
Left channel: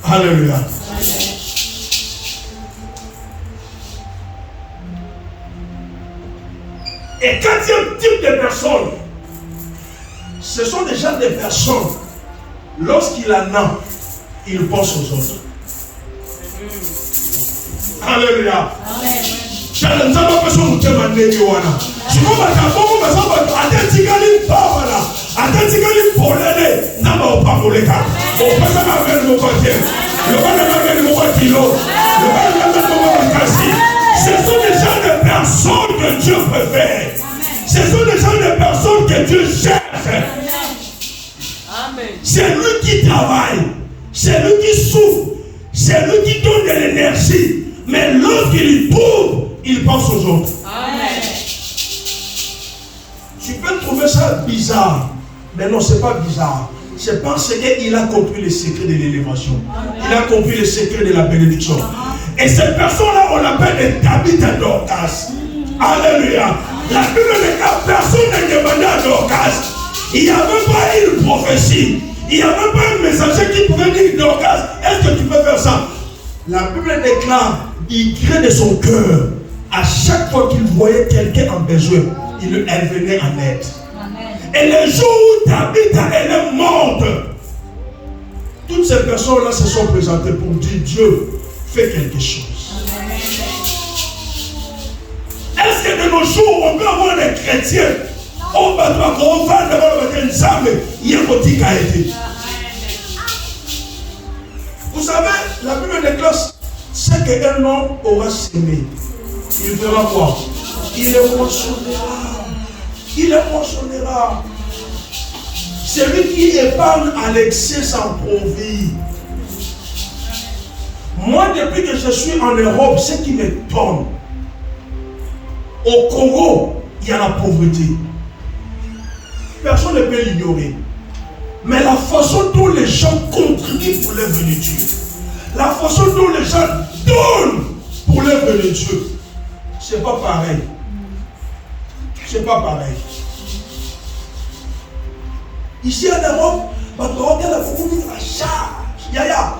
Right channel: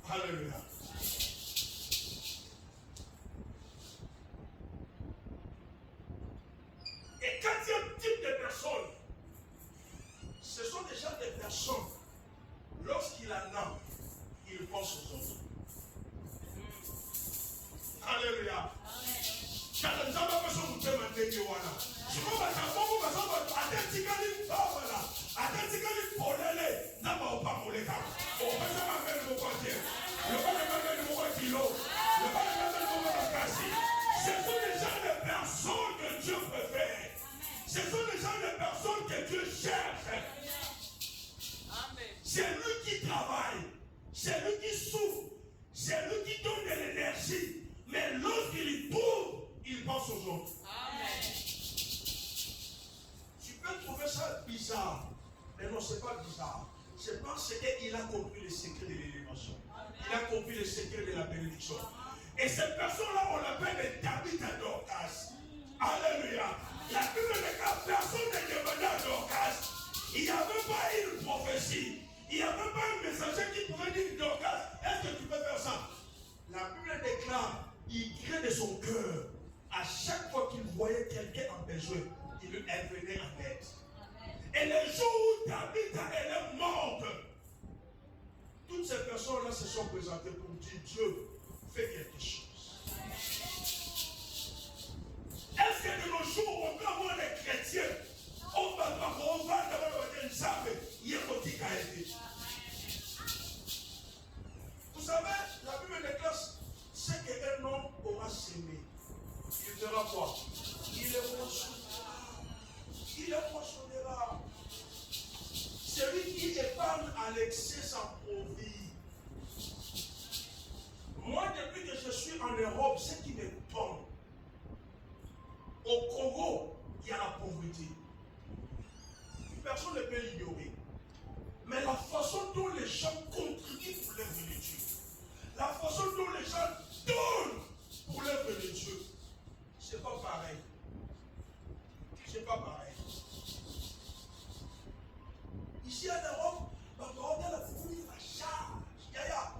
Alléluia. Et quand il y a un type de personnes, ce sont déjà des personnes, lorsqu'il en a, il pense aux autres. Alléluia. Ce sont des gens de personnes que Dieu préfère. Ce sont des gens de personnes que Dieu cherche. C'est lui qui travaille. C'est lui qui souffre. C'est lui qui donne de l'énergie. Mais lorsqu'il trouve, il pense aux autres. Amen. Tu peux trouver ça bizarre. Mais non, ce n'est pas bizarre. C'est parce qu'il a compris les secrets de l'élévation. Il a compris les secrets de la bénédiction. Et cette personne-là, on l'appelle les Tabitha Dorcas. Alléluia. La Bible dit que personne ne demandait à Dorcas. Il n'y avait pas une prophétie. Il n'y avait pas un messager qui pouvait dire Dorcas, est-ce que tu peux faire ça? La Bible déclare, il crée de son cœur. À chaque fois qu'il voyait quelqu'un en besoin, elle venait en aide. Et le jour où Tabitha elle est morte, toutes ces personnes-là se sont présentées pour dire Dieu, fais quelque chose. Est-ce que de nos jours, on peut avoir des chrétiens, on va devant le Nzambe, il y a un petit qui a été. Vous savez, la Bible déclare ce qu'un homme aura semé. Il fera quoi? Il le moissonnera. Il le moissonnera. Celui qui épargne à l'excès sans profit. Moi, depuis que je suis en Europe, ce qui m'étonne, au Congo, il y a la pauvreté. Personne ne peut l'ignorer. Mais la façon dont les gens contribuent pour l'œuvre de Dieu, la façon dont les gens donnent pour l'œuvre de Dieu, c'est pas pareil. C'est pas pareil. Ici en Europe, on regarde beaucoup de charge. Yaya,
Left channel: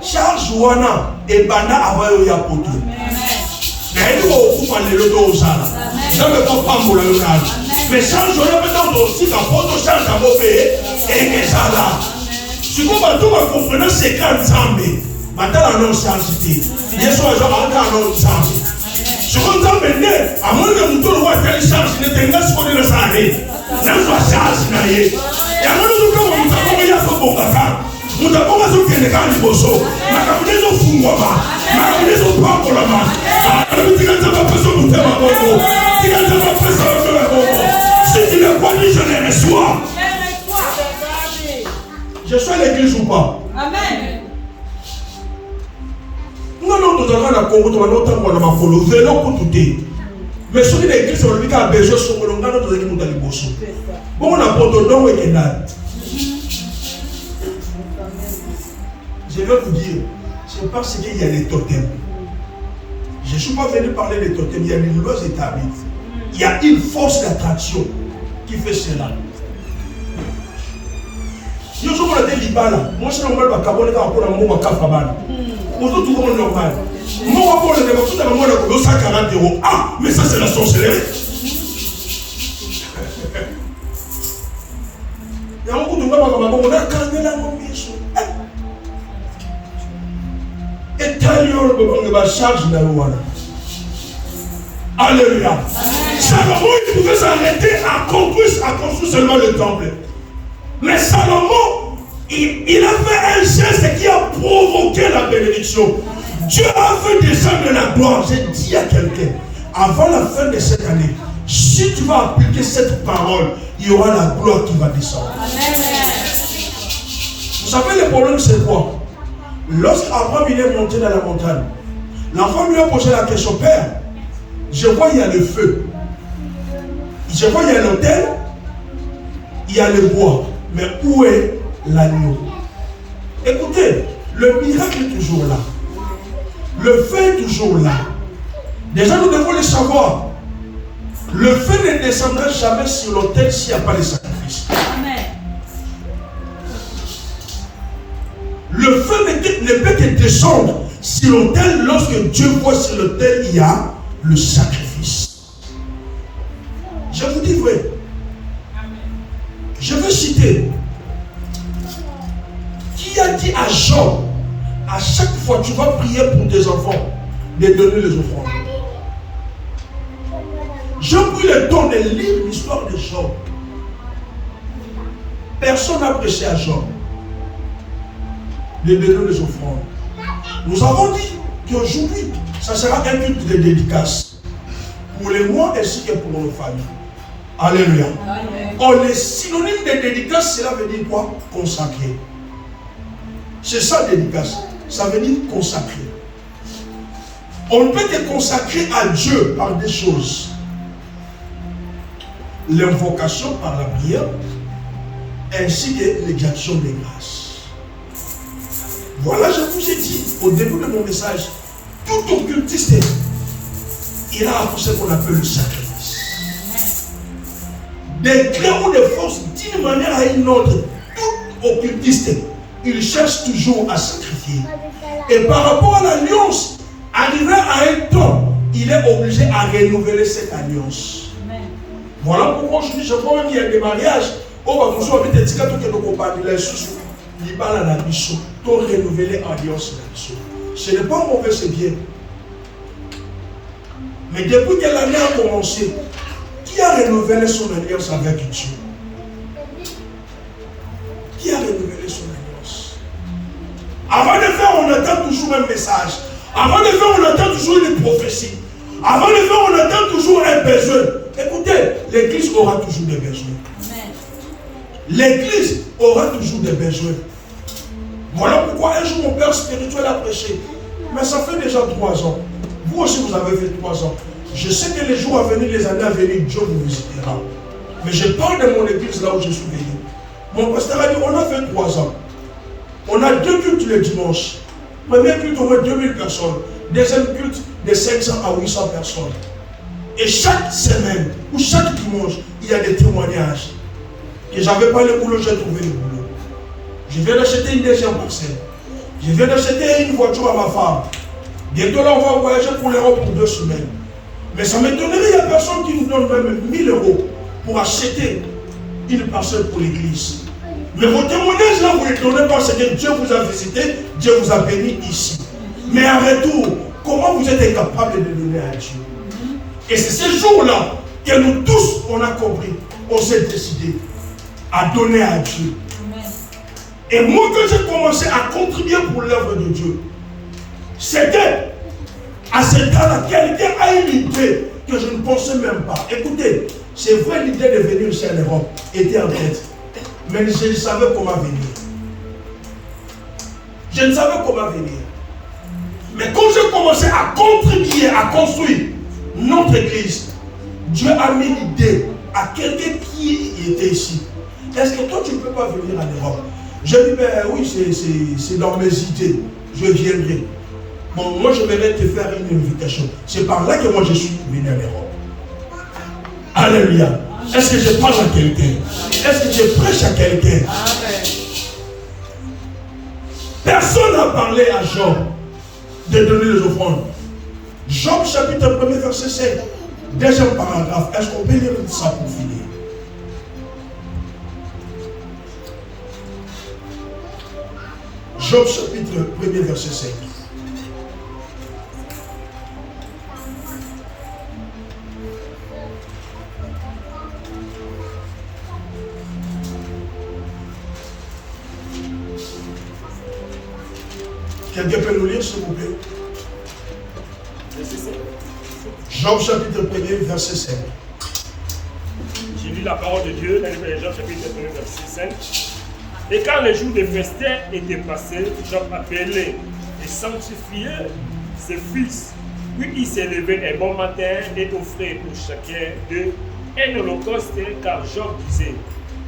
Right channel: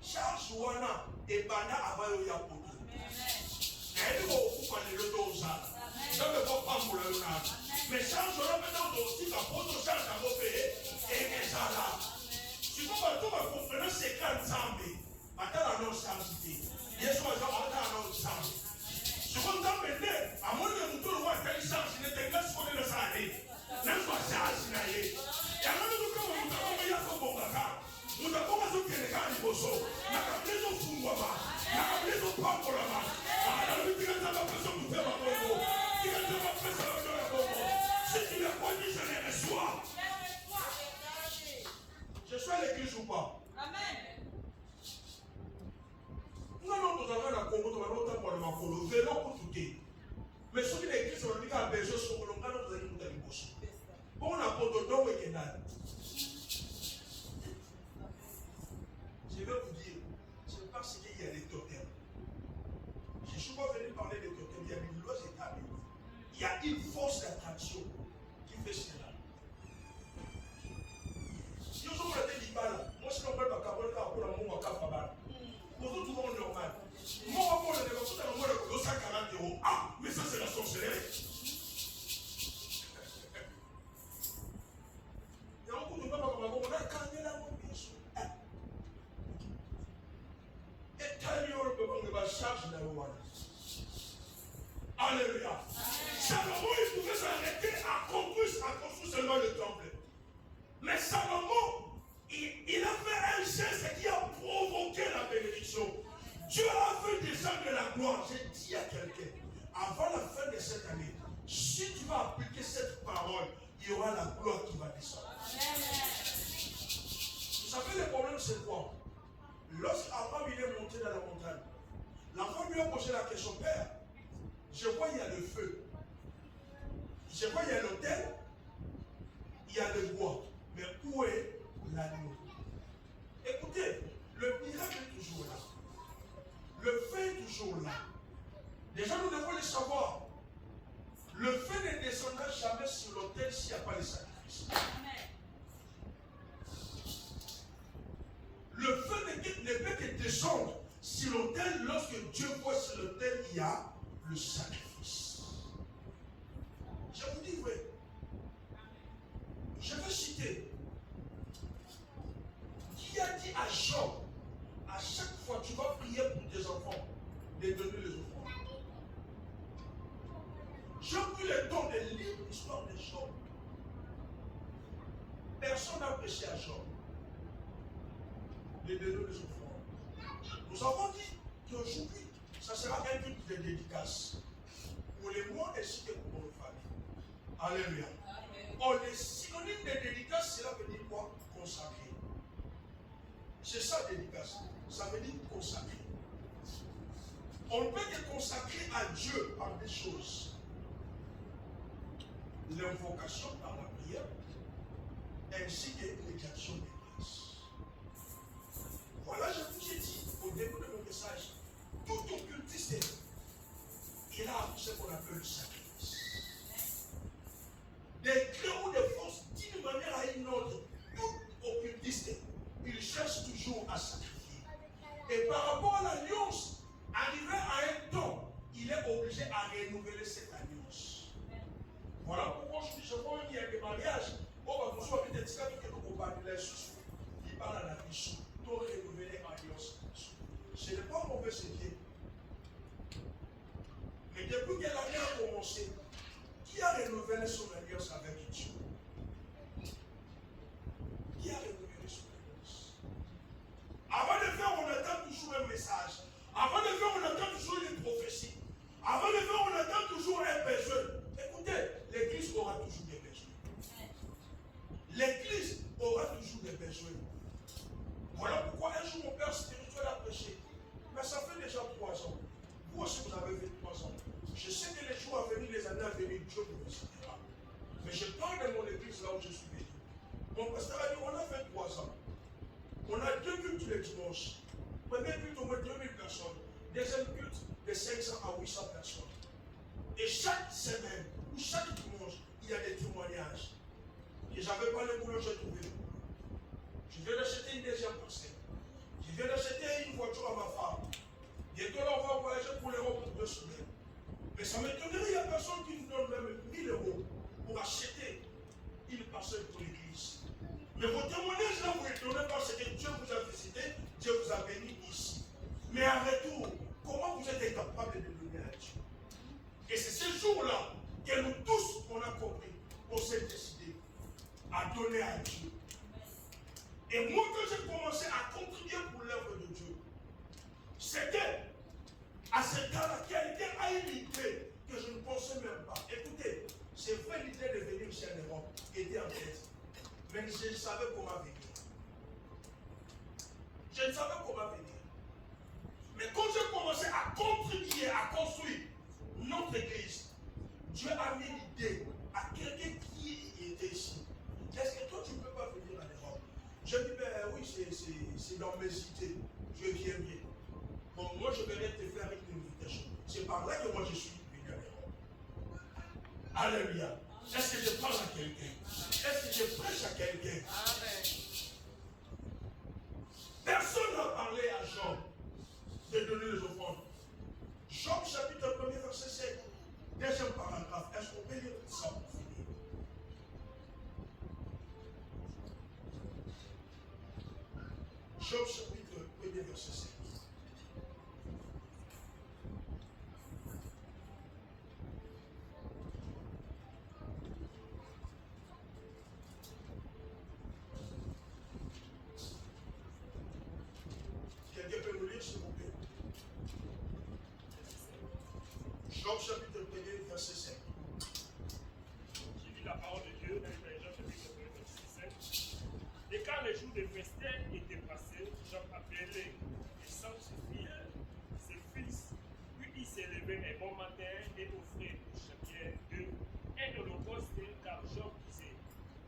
charge wana et bana avayo ya poto. Na ele ko okupa lelo to osala. Na me ko pambola yo kana. Mais charge wana peut-être aussi ka poto charge à bope et ezala. Si vous bato ba comprendre c'est quand Nzambe, batala non charge ti. Yesu ajo anga non Nzambe. Si vous Nzambe à moins que vous le voyez telle charge ne tenga ce qu'on est ça aller. Na so charge na ye. Et alors nous comme on t'a comme ya so bongaka. Nous avons besoin de quelqu'un qui bosse. Nous avons besoin de fungwama. Nous avons besoin de pambolama. Si tu ne crois ni je ne reçois. Je suis à l'église ou pas? Amen. Non, nous avons la Congo, nous avons ma follow. Vélo pour tout dire. Mais si l'église, on a besoin de ce qu'on a besoin de bosso. Bon, on a pas de don et qu'il a. Je vais vous dire, c'est parce qu'il y a les totems. Je ne suis pas venu parler des totems, il y a une loi établie. Il y a une force d'attraction qui fait cela. Je suis normal, moi je suis normal, je suis normal. Moi, je suis 140 €. Ah, mais ça c'est la sorcellerie. Il y a beaucoup de gens qui ont calmé la mission. Et tailleur charge la loi. Alléluia. Salomon, il pouvait s'arrêter à construire seulement le temple. Mais Salomon, il a fait un geste qui a provoqué la bénédiction. Dieu a fait descendre la gloire. J'ai dit à quelqu'un, avant la fin de cette année, si tu vas appliquer cette parole, il y aura la gloire qui va descendre. Amen. Vous savez le problème c'est quoi? Lorsqu'Abraham il est monté dans la montagne, l'enfant lui a posé la question, Père, je vois il y a le feu, je vois il y a l'autel, il y a le bois, mais où est l'agneau. Écoutez, le miracle est toujours là. Le feu est toujours là. Déjà, nous devons le savoir. Le feu ne descendra jamais sur l'autel s'il n'y a pas de sacrifice. Amen. Le feu ne peut que descendre sur l'autel lorsque Dieu voit sur l'autel il y a le sacrifice. Je vous dis vrai. Je veux citer. Qui a dit à Job, à chaque fois tu vas prier pour tes enfants, de donner les offrandes. J'ai pris le temps de lire l'histoire de Job. Personne n'a prêché à Job de donner les offrandes. Nous avons dit qu'aujourd'hui, ça sera un culte de dédicace pour les mois ainsi que pour nos familles. Alléluia. Oh, les synonymes de dédicace, cela veut dire quoi? Consacré. C'est ça, dédicace. Ça veut dire consacré. On ne peut que consacrer à Dieu par des choses. L'invocation par la prière, ainsi que l'exaction des grâces. Voilà, je vous ai dit au début de mon message, tout occultiste ira à ce qu'on appelle le sacrifice. Des grains ou des forces, d'une manière à une autre, tout occultiste, il cherche toujours à sacrifier. Et par rapport à l'alliance, arrivé à un temps, il est obligé à renouveler cette alliance. Voilà pourquoi aujourd'hui, je vois même qu'il y a des mariages. On va nous avoir des tickets que nous comparons les sous. Il parle à la mission. Pour renouveler l'alliance. Ce n'est pas mauvais, c'est bien. Mais depuis que l'année a commencé, qui a renouvelé son alliance avec Dieu? Qui a renouvelé son alliance? Avant de faire, on attend toujours un message. Avant de faire, on attend toujours une prophétie. Avant de faire, on attend toujours un besoin. Écoutez, l'église aura toujours des besoins. L'église aura toujours des besoins. Voilà pourquoi un jour mon père spirituel a prêché. Mais ça fait déjà 3 ans. Vous aussi vous avez fait 3 ans. Je sais que les jours à venir, les années à venir, Dieu vous visitera. Mais je parle de mon église là où je suis venu. Mon pasteur a dit, on a fait 3 ans. On a 2 cultes le dimanche. Premier culte, on met 2000 personnes. Deuxième culte, de 500 à 800 personnes. Et chaque semaine, ou chaque dimanche, il y a des témoignages. Que j'avais pas le boulot, j'ai trouvé le boulot. Je viens d'acheter une deuxième parcelle. Je viens d'acheter une voiture à ma femme. Bientôt là, on va voyager pour l'Europe pour 2 semaines. Mais ça m'étonnerait, il y a personne qui nous donne même 1000 € pour acheter une parcelle pour l'église. Mais vos témoignages là, vous les donnez parce que Dieu vous a visité, Dieu vous a béni ici. Mais en retour, comment vous êtes incapable de donner à Dieu? Et c'est ce jour-là que nous tous, on a compris, on s'est décidé à donner à Dieu. Et moi, quand j'ai commencé à contribuer pour l'œuvre de Dieu, c'était à ce temps-là, quelqu'un a une idée que je ne pensais même pas. Écoutez, c'est vrai, l'idée de venir ici en Europe était en tête. Mais je ne savais comment venir. Je ne savais comment venir. Mais quand j'ai commencé à contribuer, à construire notre église, Dieu a mis l'idée à quelqu'un qui était ici. Est-ce que toi, tu ne peux pas venir en Europe? J'ai dit, ben oui, c'est dans mes idées. Je viendrai. Bon, moi, je vais te faire une invitation. C'est par là que moi, je suis venu en Europe. Alléluia. Est-ce que je parle à quelqu'un? Est-ce que je prêche à quelqu'un? Personne n'a parlé à Job de donner les offrandes. Job chapitre 1 verset 5. Deuxième paragraphe. Est-ce qu'on peut lire ça pour finir? Job chapitre 1 verset 5. Quelqu'un peut nous lire, s'il vous plaît? Job chapitre 1 verset 5. J'ai lu la parole de Dieu dans Job chapitre 1 verset 5. Et quand le jour de festin était passé, Job appelait et sanctifiait ses fils. Puis il s'est levé un bon matin et offrait pour chacun d'eux un holocauste, car Job disait,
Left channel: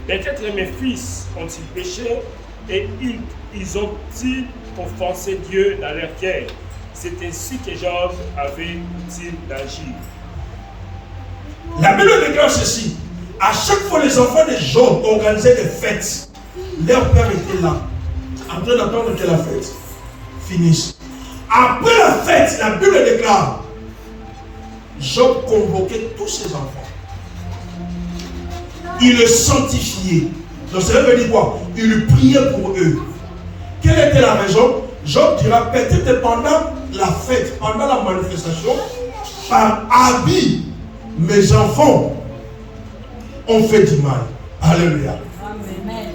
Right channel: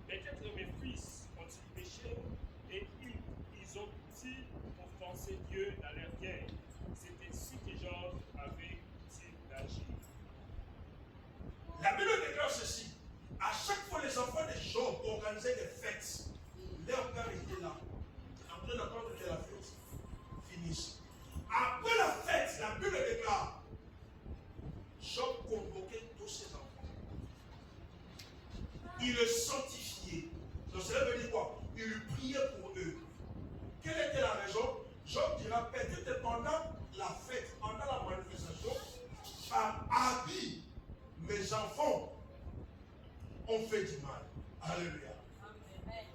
peut-être mes fils ont-ils péché Et ils ont-ils offensé Dieu dans leur cœur? C'est ainsi que Job avait-il d'agir. La Bible déclare ceci. À chaque fois, les enfants de Job organisaient des fêtes. Leur père était là, en train d'attendre que la fête finisse. Après la fête, la Bible déclare, Job convoquait tous ses enfants. Il les sanctifiait. Donc cela veut dire quoi? Il priait pour eux. Quelle était la raison? Job dira peut-être pendant la fête, pendant la manifestation, par habit, mes enfants ont fait du mal. Alléluia. Amen.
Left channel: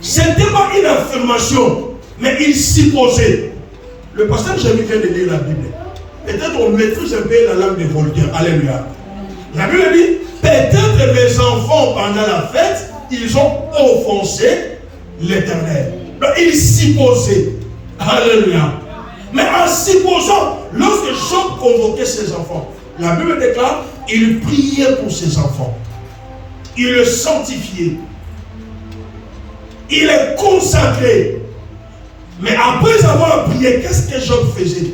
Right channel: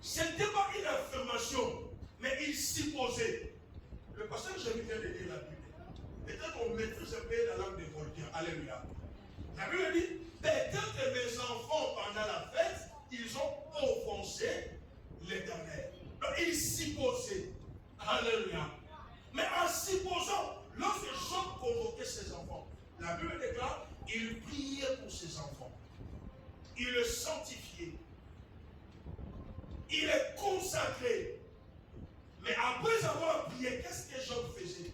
C'était pas une affirmation, mais il supposait. Le pasteur Jérémie vient de lire la Bible. Peut-être on maîtrise un peu la langue des Voltaire. Alléluia. La Bible dit, peut-être mes enfants pendant la fête, ils ont offensé l'Éternel. Donc il supposait. Alléluia. Mais en supposant, lorsque Job convoquait ses enfants, la Bible déclare, il priait pour ses enfants. Il le sanctifiait. Il est consacré. Mais après avoir prié, qu'est-ce que Job faisait?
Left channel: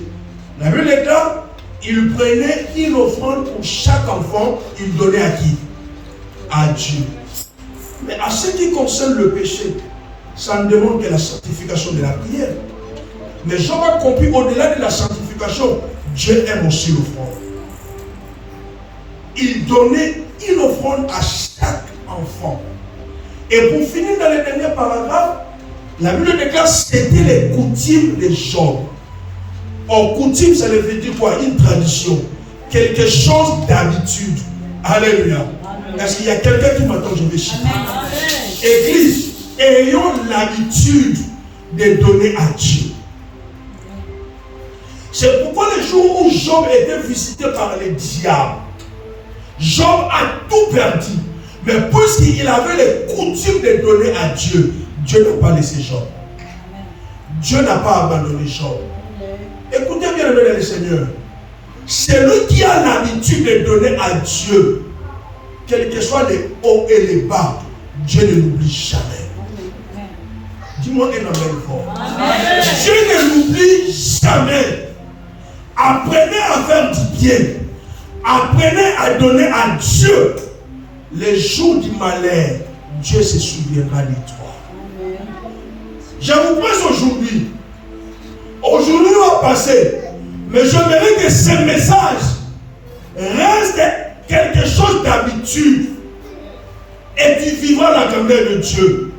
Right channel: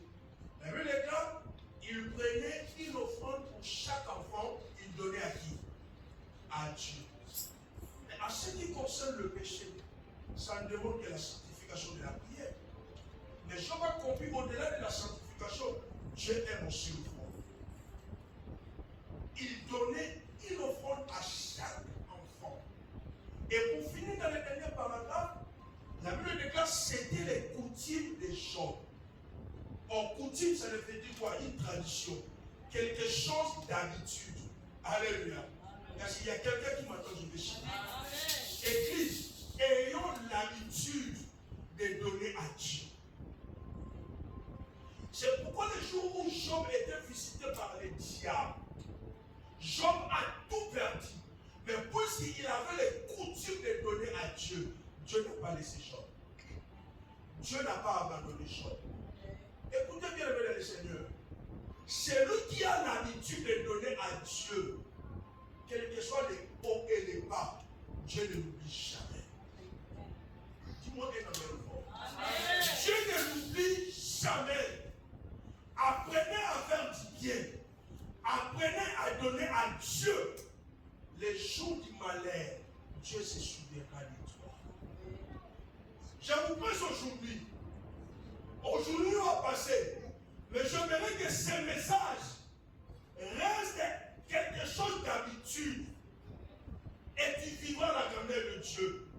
La Bible déclare, il prenait une offrande pour chaque enfant, il donnait à qui? À Dieu. Mais à ce qui concerne le péché, ça ne demande que la sanctification de la prière. Mais Job a compris, au-delà de la sanctification, Dieu aime aussi l'offrande. Il donnait une offrande à chaque enfant. Et pour finir dans les derniers paragraphes, la Bible déclare que c'était les coutumes de Job. Or, coutume, ça veut dire quoi? Une tradition. Quelque chose d'habitude. Alléluia. Est-ce qu'il y a quelqu'un qui m'attend? Je vais chiffrer. Église, ayons l'habitude de donner à Dieu. C'est pourquoi le jour où Job était visité par les diables, Job a tout perdu. Mais puisqu'il avait les coutumes de donner à Dieu, Dieu n'a pas laissé Job. Dieu n'a pas abandonné Job. Écoutez bien le Seigneur. Celui qui a l'habitude de donner à Dieu, quels que soient les hauts et les bas, Dieu ne l'oublie jamais. Dis-moi un amen fort. Dieu ne l'oublie jamais. Apprenez à faire du bien. Apprenez à donner à Dieu. Les jours du malheur, Dieu se souviendra de toi. Je vous presse aujourd'hui. Aujourd'hui va passer. Mais je voudrais que ce message reste quelque chose d'habitude. Et tu vivras la grandeur de Dieu.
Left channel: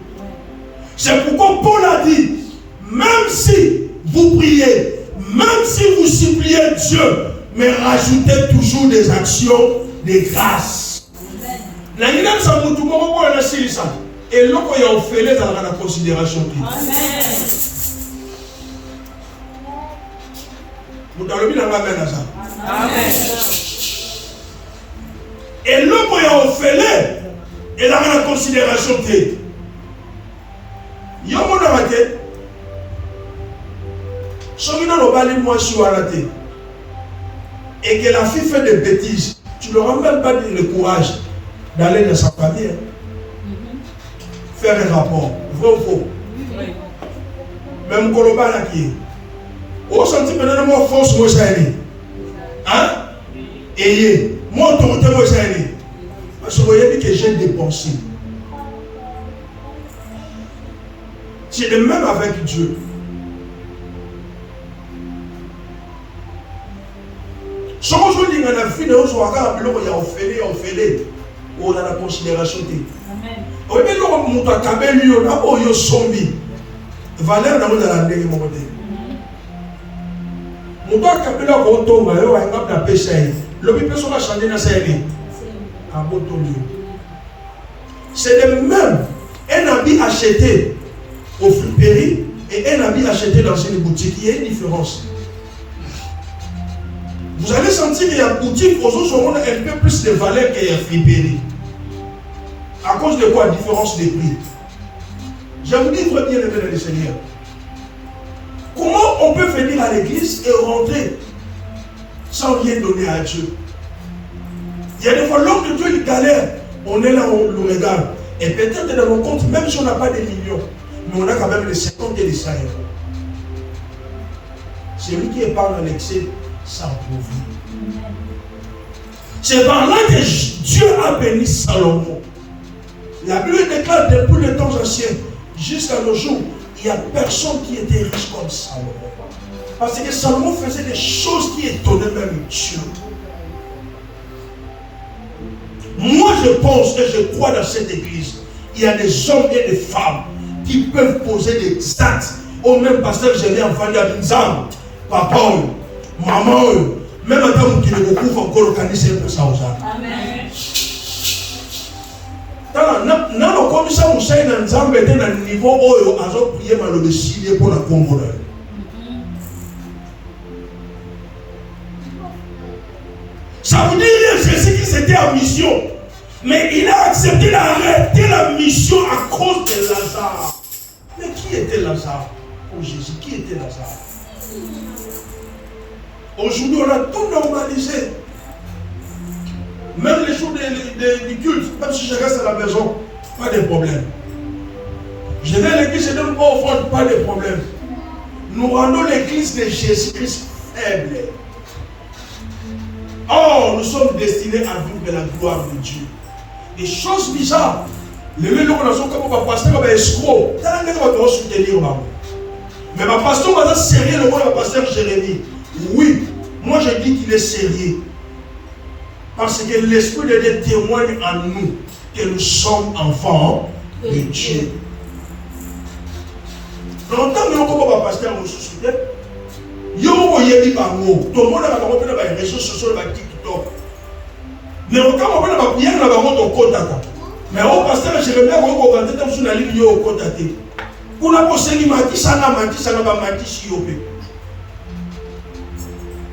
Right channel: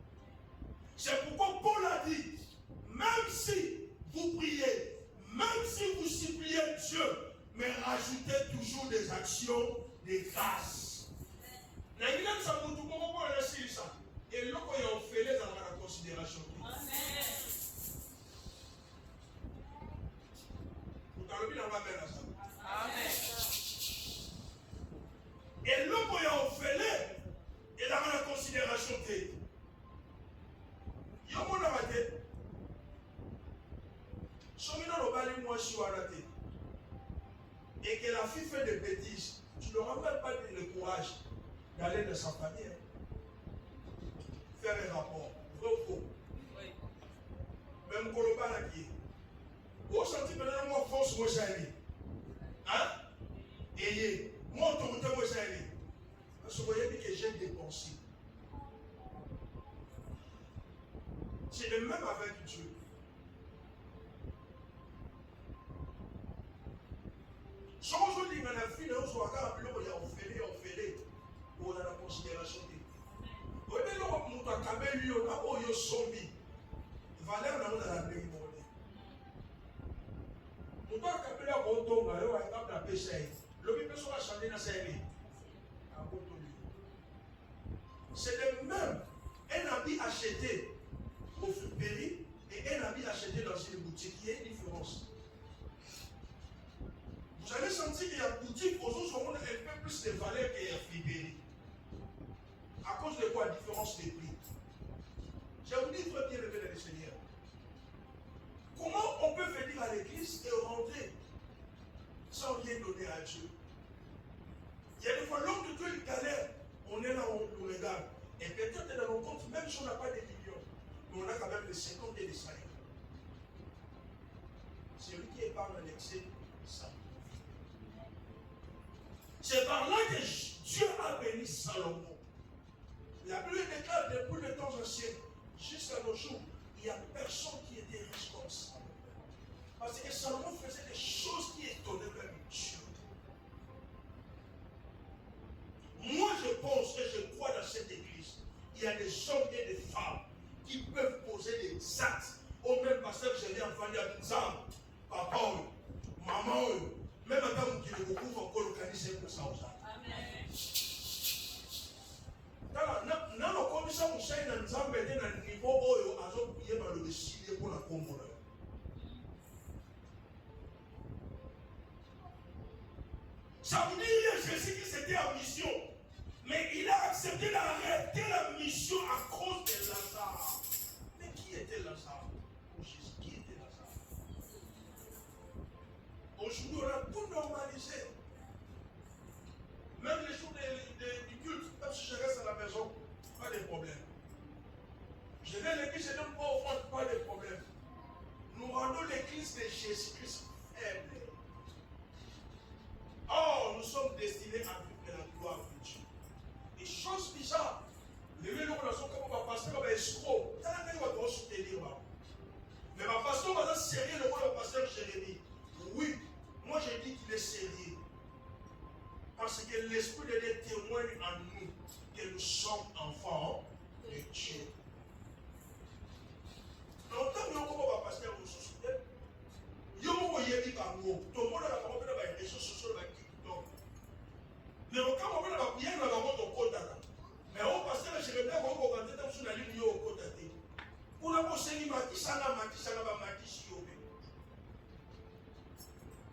C'est pourquoi Paul a dit, même si vous priez, même si vous suppliez Dieu, mais rajoutez toujours des actions de grâce. La guinée ça vous tout le monde la ça. Et là quand il y a offert dans la considération. Vous avez mis la main à ça. Amen. Et là quand il y a offert et dans la considération. Il y a mon arrêté. Celui-là n'a pas les mois sur arrêté. Et que la fille fait des bêtises, tu ne leur as même pas le courage d'aller dans sa famille. Faire un rapport. Vrai ou faux? Oui. Même Koloba là qui est. Au senti maintenant, moi, force, moi, ça est. Hein? Et moi, autorité, moi, ça est. Parce que vous voyez que j'ai dépensé. C'est le même avec Dieu. Si on dit que la vie de l'autre, il y a offert, on a la considération. Amen. On dit que l'autre a cabé lui, on a eu zombie. Valère n'a pas la dernière monnaie. On a cabé là, on tombe, on a la péché. Le people va changer dans sa vie. C'est le même. Un habit acheté au friperie et un habit acheté dans une boutique, il y a une différence. Vous allez sentir qu'il y a une boutique aux autres ont un peu plus de valeur qu'il y a friperie. À cause de quoi? Différence de prix. Je vous dis très bien, le Seigneur. Comment on peut venir à l'église et rentrer sans rien donner à Dieu? Il y a des fois, l'homme de Dieu, il galère. On est là, on le regarde. Et peut-être dans nos comptes, même si on n'a pas des millions, Mais on a quand même les 50 et les 100 €. Celui qui épargne en excès s'appauvrit. C'est par là que Dieu a béni Salomon. La Bible déclare depuis les temps anciens jusqu'à nos jours, il n'y a personne qui était riche comme Salomon. Parce que Salomon faisait des choses qui étonnaient même Dieu. Moi je pense et je crois dans cette église, il y a des hommes et des femmes qui peuvent poser des actes. Au même pasteur, j'ai viens en à Binzam, papa, maman, même à temps qui ne recouvre encore organiser pour ça aux gens. Amen. Dans le commissaire Moussa dans Nzambe était dans le niveau où ils ont prié mal le Syrie pour la Congo. Ça vous dit rien, Jésus qui c'était en mission. Mais il a accepté d'arrêter la mission à cause de Lazare. Mais qui était Lazare pour Jésus? Qui était Lazare? Aujourd'hui, on a tout normalisé. Même les jours du culte, même si je reste à la maison, pas de problème. Je vais à l'église, je donne pas offrande, pas de problème. Nous rendons l'église de Jésus-Christ faible. Or, nous sommes destinés à vivre de la gloire de Dieu. Et chose bizarre, les gens qui sont comme pasteur, comme escroc, ils vont soutenir. Mais ma pasteur va sérieux, le mot de pasteur Jérémie. Oui, moi je dis qu'il est sérieux. Parce que l'Esprit de Dieu témoigne en nous que nous sommes enfants de Dieu. Longtemps que nous sommes pasteur, nous soutient. Yo yebi bango, tout le monde a pas les réseaux sociaux, les TikTok. Mais quand on va prier, on va monter au contact. Mais au pasteur Jérémie, on va monter sur la ligne au contact. Pour la posséder, mati ça n'a pas mati si on peut.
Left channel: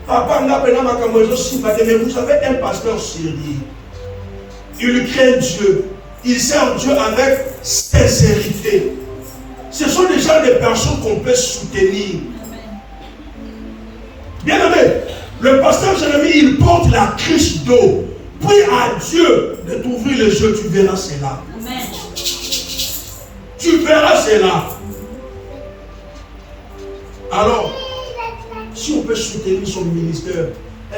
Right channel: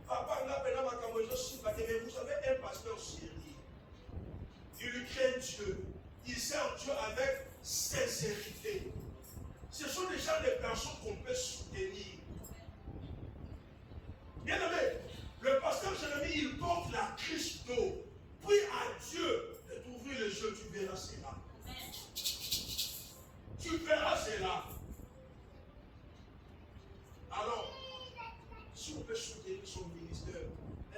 Papa n'a pas mais vous avez un pasteur sérieux. Il craint Dieu. Il sert Dieu avec sincérité. Ce sont déjà des personnes qu'on peut soutenir. Bien aimé, le pasteur Jérémie, il porte la cruche d'eau. Prie à Dieu de t'ouvrir les yeux, tu verras cela. Amen. Tu verras cela. Alors, si on peut soutenir son ministère,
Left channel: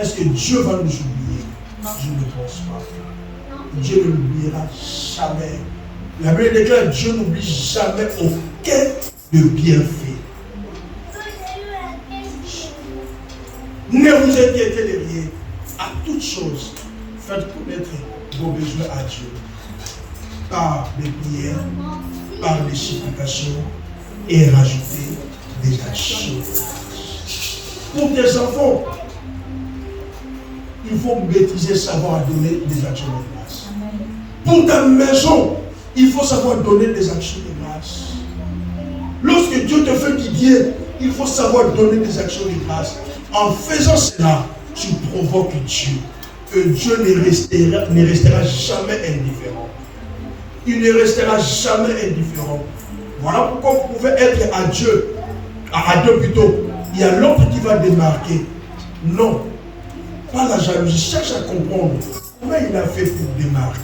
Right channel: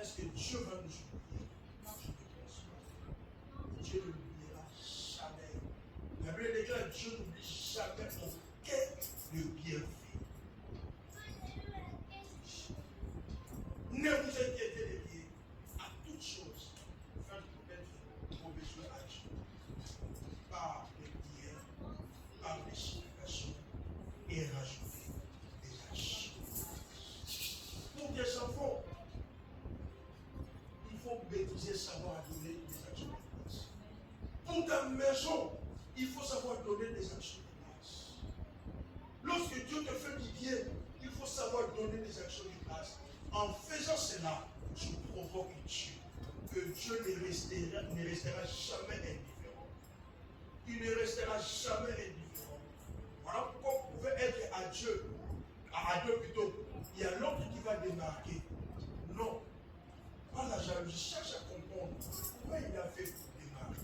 est-ce que Dieu va nous oublier? Je ne pense pas. Dieu ne l'oubliera jamais. La Bible déclare que Dieu n'oublie jamais aucun de bienfait. Ne vous inquiétez de rien. À toutes choses, faites connaître vos besoins à Dieu. Par des prières, par des supplications et rajoutez des actions. Pour tes enfants, il faut maîtriser, savoir donner des actions de grâce. Pour ta maison, il faut savoir donner des actions de grâce. Lorsque Dieu te fait du bien, il faut savoir donner des actions de grâce. En faisant cela, tu provoques Dieu. Et Dieu ne restera jamais indifférent. Il ne restera jamais indifférent. Voilà pourquoi vous pouvez être à Dieu. À Dieu plutôt. Il y a l'autre qui va démarquer. Non. Pas la jalousie. Cherche à comprendre comment il a fait pour démarquer.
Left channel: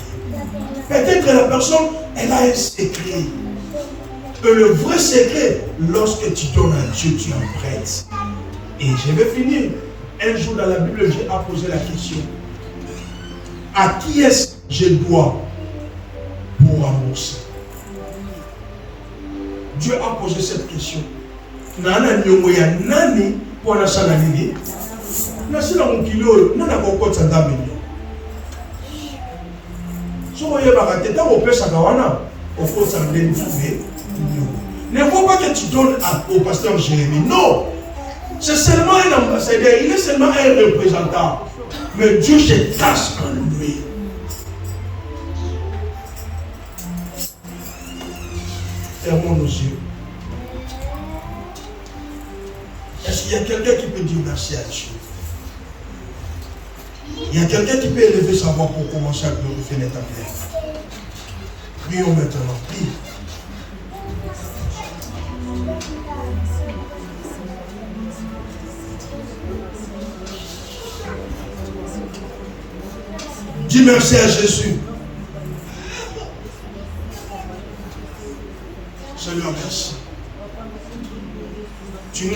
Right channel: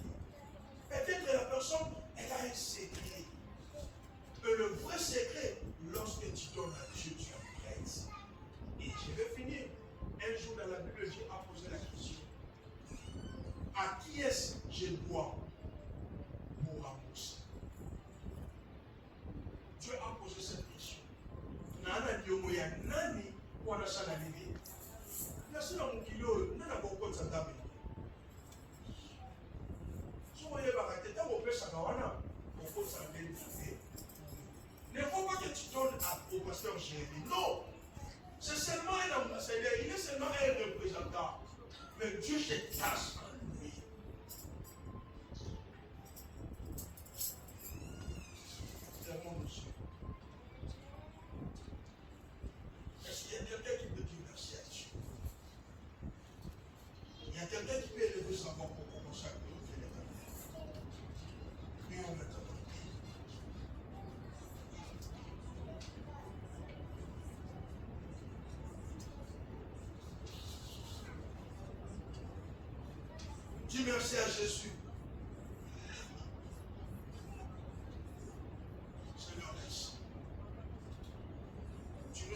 Peut-être que la personne, elle a un secret. Et le vrai secret, lorsque tu donnes à Dieu, tu en prêtes. Et je vais finir. Un jour dans la Bible, j'ai posé la question. À qui est-ce que je dois pour rembourser? Dieu a posé cette question. Nana nyongoya nani pour la salanini? Nasila mukilo nana kokot sanda menyo. So voyez bakate ta opesa kawana okot sanda ntume. Ne faut pas que tu donnes au pasteur Jérémie. Non. C'est seulement un ambassadeur, il est seulement un représentant. Mais Dieu se cache en lui. Fermons nos yeux. Est-ce qu'il y a quelqu'un qui peut dire merci à Dieu? Il y a quelqu'un qui peut élever sa voix pour commencer à glorifier l'Éternel. Prions maintenant. Prie. Dis merci à Jésus. Seigneur, merci.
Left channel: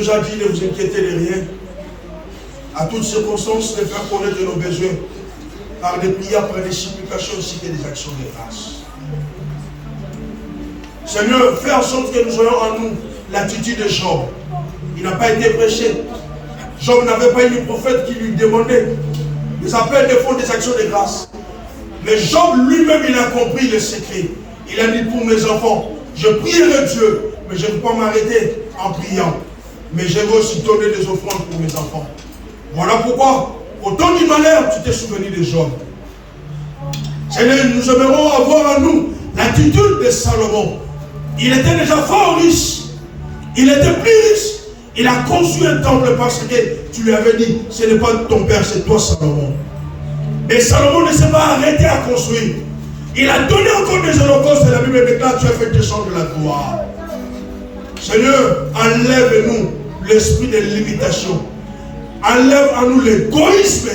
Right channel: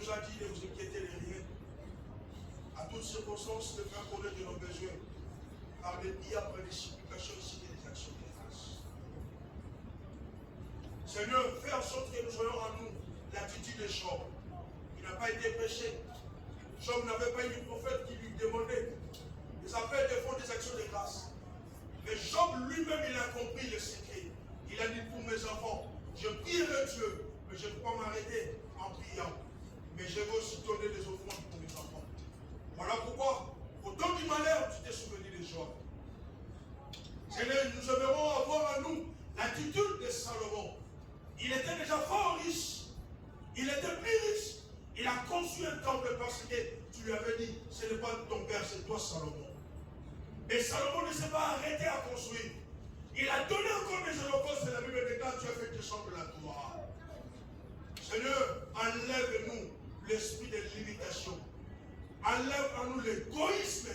nous a dit, ne vous inquiétez de rien. À toutes circonstances, de faire connaître nos besoins par des prières, par des supplications ainsi que des actions de grâce. Seigneur, fais en sorte que nous ayons en nous l'attitude de Job. Il n'a pas été prêché. Job n'avait pas eu de prophète qui lui demandait des appels de fonds, des actions de grâce. Mais Job lui-même, il a compris le secret. Il a dit pour mes enfants, je prierai Dieu, mais je ne vais pas m'arrêter en priant. Mais je vais aussi donner des offrandes pour mes enfants. Voilà pourquoi, au temps du malheur, tu t'es souvenu de Job. Seigneur, nous aimerons avoir en nous l'attitude de Salomon. Il était déjà fort riche. Il était plus riche. Il a construit un temple parce que tu lui avais dit, ce n'est pas ton père, c'est toi Salomon. Mais Salomon ne s'est pas arrêté à construire. Il a donné encore des holocaustes et la Bible déclare, tu as fait descendre la gloire. Seigneur, enlève-nous l'esprit de limitation. Enlève en nous l'égoïsme.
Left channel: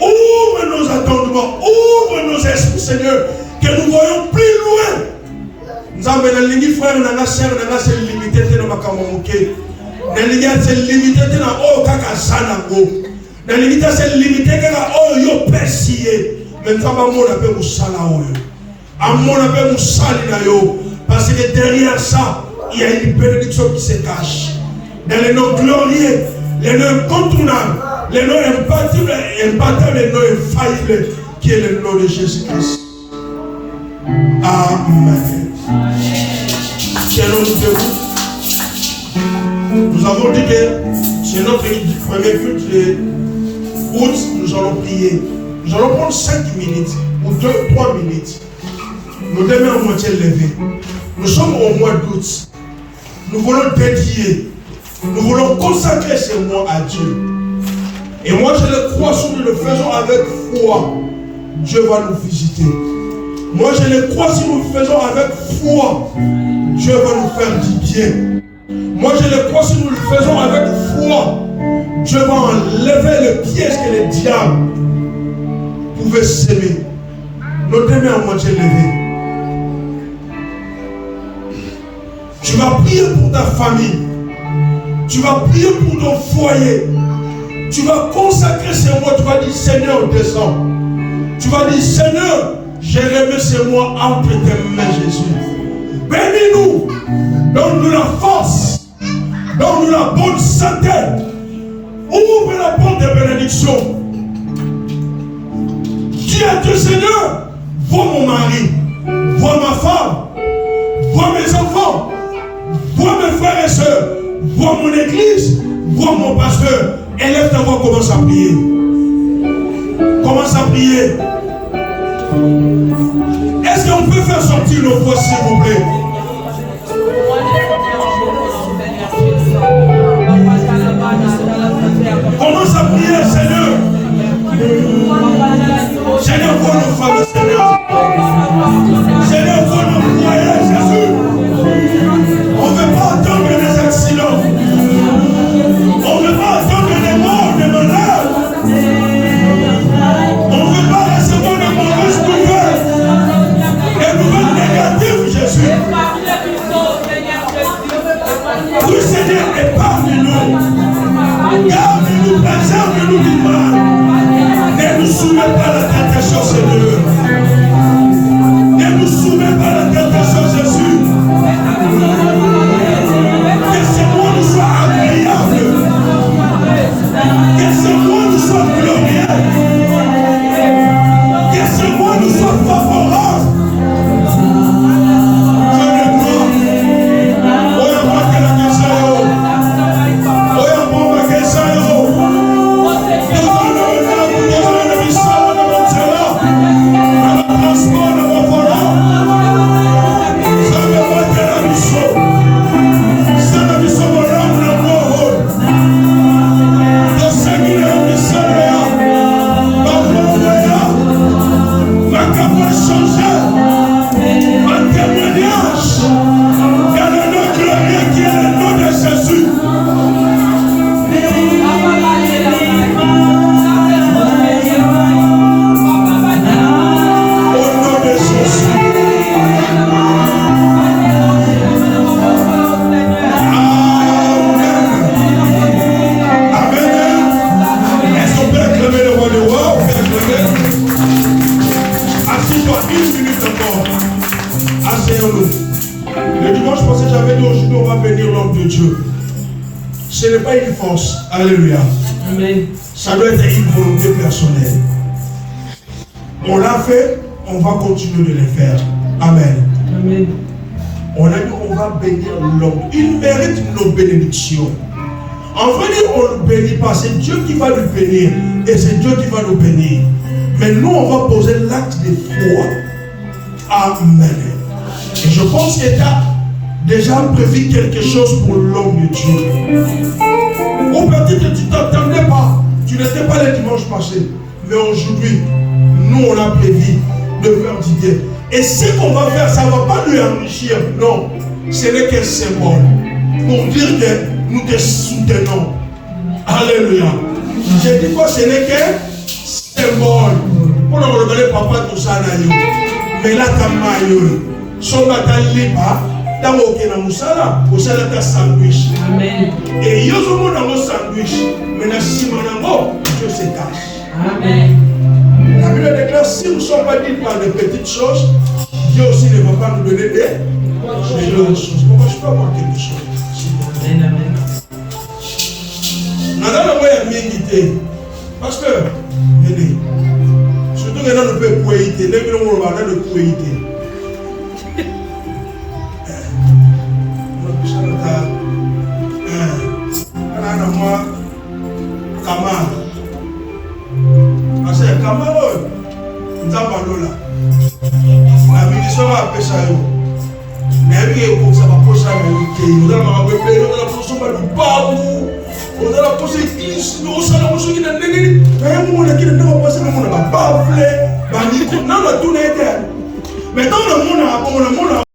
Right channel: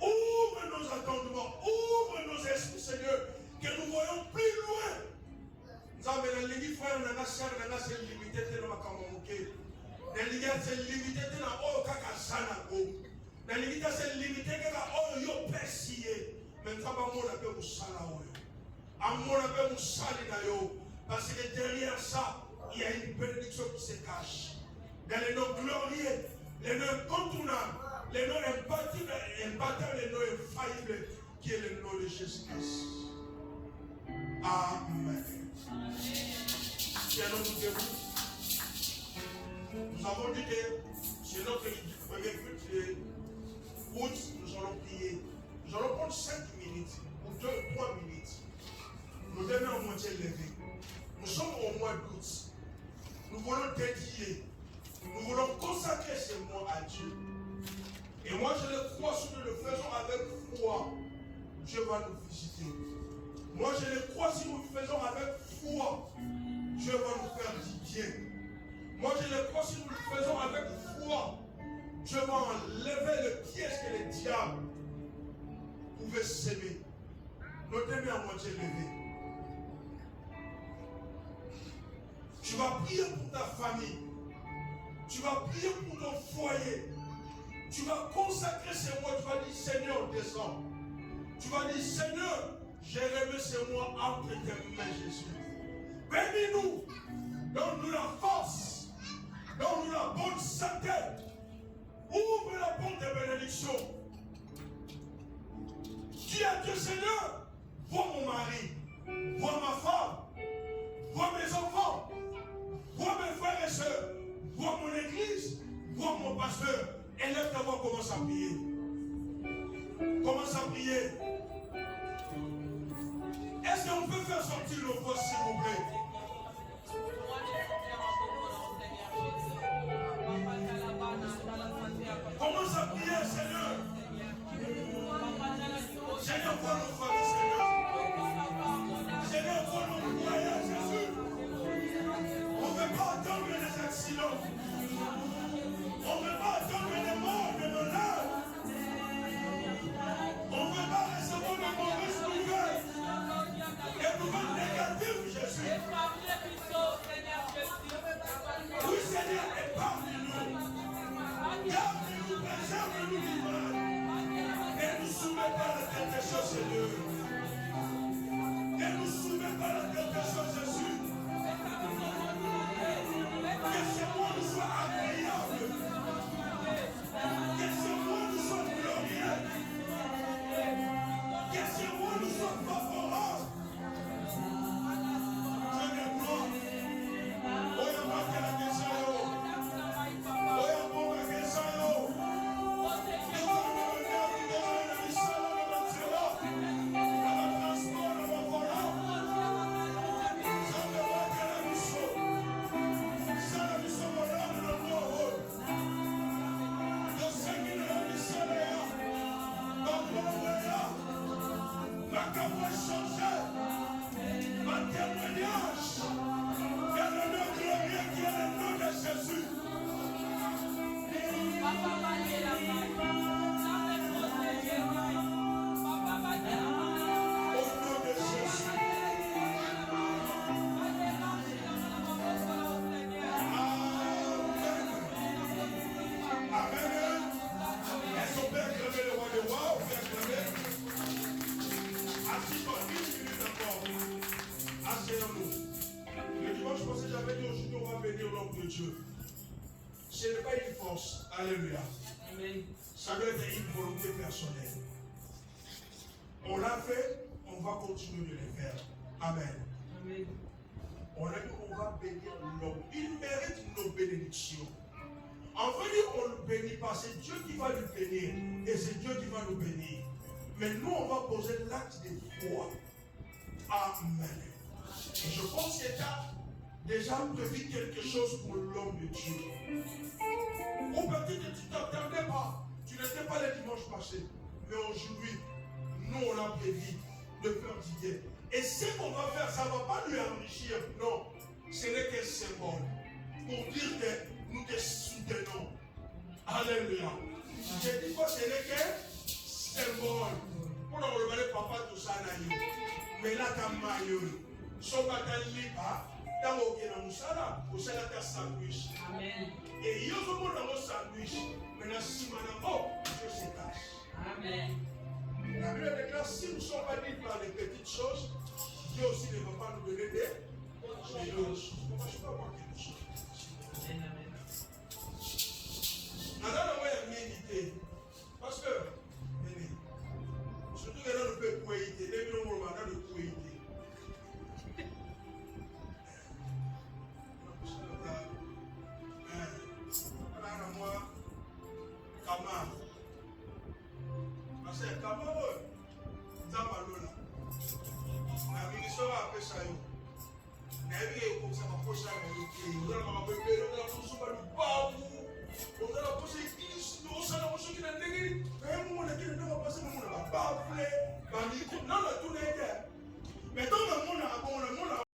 Ouvre nos attendements, ouvre nos esprits, Seigneur, que nous voyons plus loin. Nous avons des frères, nous avons des limités dans ma camouflage. Nous avons des limités dans la limite, c'est limité que yo persié. Mais nous avons un sala. Parce que derrière ça, il y a une bénédiction qui se cache. Dans les noms glorieux, les noms incontournables, les noms imbattables, les noms infaillibles, qui est le nom de Jésus-Christ. Amen. Nous avons dit que c'est notre premier culte de août, nous allons prier. Nous allons prendre 5 minutes ou 2-3 minutes. Nos deux mains à moitié levées. Nous sommes au mois d'août. Nous voulons dédier, nous voulons consacrer ce mois à Dieu. Et moi je le crois, si nous le faisons avec foi, Dieu va nous visiter. Moi je le crois, si nous le faisons avec foi, Dieu va nous faire du bien. Moi je le crois, si nous le faisons avec foi, Dieu va enlever le piège que le diable pouvait s'aimer. Nos deux mains à moitié levées. Tu vas prier pour ta famille. Tu vas prier pour ton foyer. Tu vas consacrer ces mois. Tu vas dire, Seigneur, descends. Tu vas dire, Seigneur, j'ai remis ces mois entre tes mains, Jésus. Bénis-nous. Donne-nous la force. Donne-nous la bonne santé. Ouvre la porte de bénédiction. Dis à Dieu, Seigneur, vois mon mari, vois ma femme, vois mes enfants, vois mes frères et sœurs, vois mon église, vois mon pasteur. Élève ta voix, commence à prier. Commence à prier. Est-ce qu'on peut faire sortir nos voix, s'il vous plaît? Commence à prier, Seigneur. Seigneur, vois nos familles, Seigneur. Seigneur, vois nos foyers, Jésus. On ne veut pas attendre des accidents. On ne veut pas attendre des morts, des malades. On ne veut pas recevoir de mauvaises nouvelles. Des nouvelles négatives, Jésus. de Dieu. Ce n'est pas une force. Alléluia. Amen. Ça doit être une volonté personnelle. On l'a fait, on va continuer de le faire. Amen. Amen. On a dit on va bénir l'homme. Il mérite nos bénédictions. En vrai, on ne bénit pas. C'est Dieu qui va nous bénir. Et c'est Dieu qui va nous bénir. Mais nous, on va poser l'acte de foi. Amen. Et je pense que tu as déjà prévu quelque chose pour l'homme de Dieu. Ou peut-être que tu ne t'attendais pas. Tu n'étais pas le dimanche passé. Mais aujourd'hui, nous, on a prévu de faire du bien. Et ce qu'on va faire, ça ne va pas lui enrichir. Non. Ce n'est qu'un symbole. Pour dire que nous te soutenons. Alléluia. Je dis quoi, ce n'est qu'un symbole. Pour nous regarder papa tout ça, mais là, tu as maillot. Son bataille libre. Dans le musala, au salade à sandwich. Amen. Et il y a un sandwich. Mais la simanango, Dieu se cache. Amen. La Bible déclare, si nous ne sommes pas dit par des petites choses, Dieu aussi ne va pas nous donner des grandes choses. Pourquoi je peux avoir quelque chose? Amen. Amen. Nous avons un mingi. Pasteur, venez. Surtout que nous pouvons couiller. Nous avons couiller. Maintenant, le monde a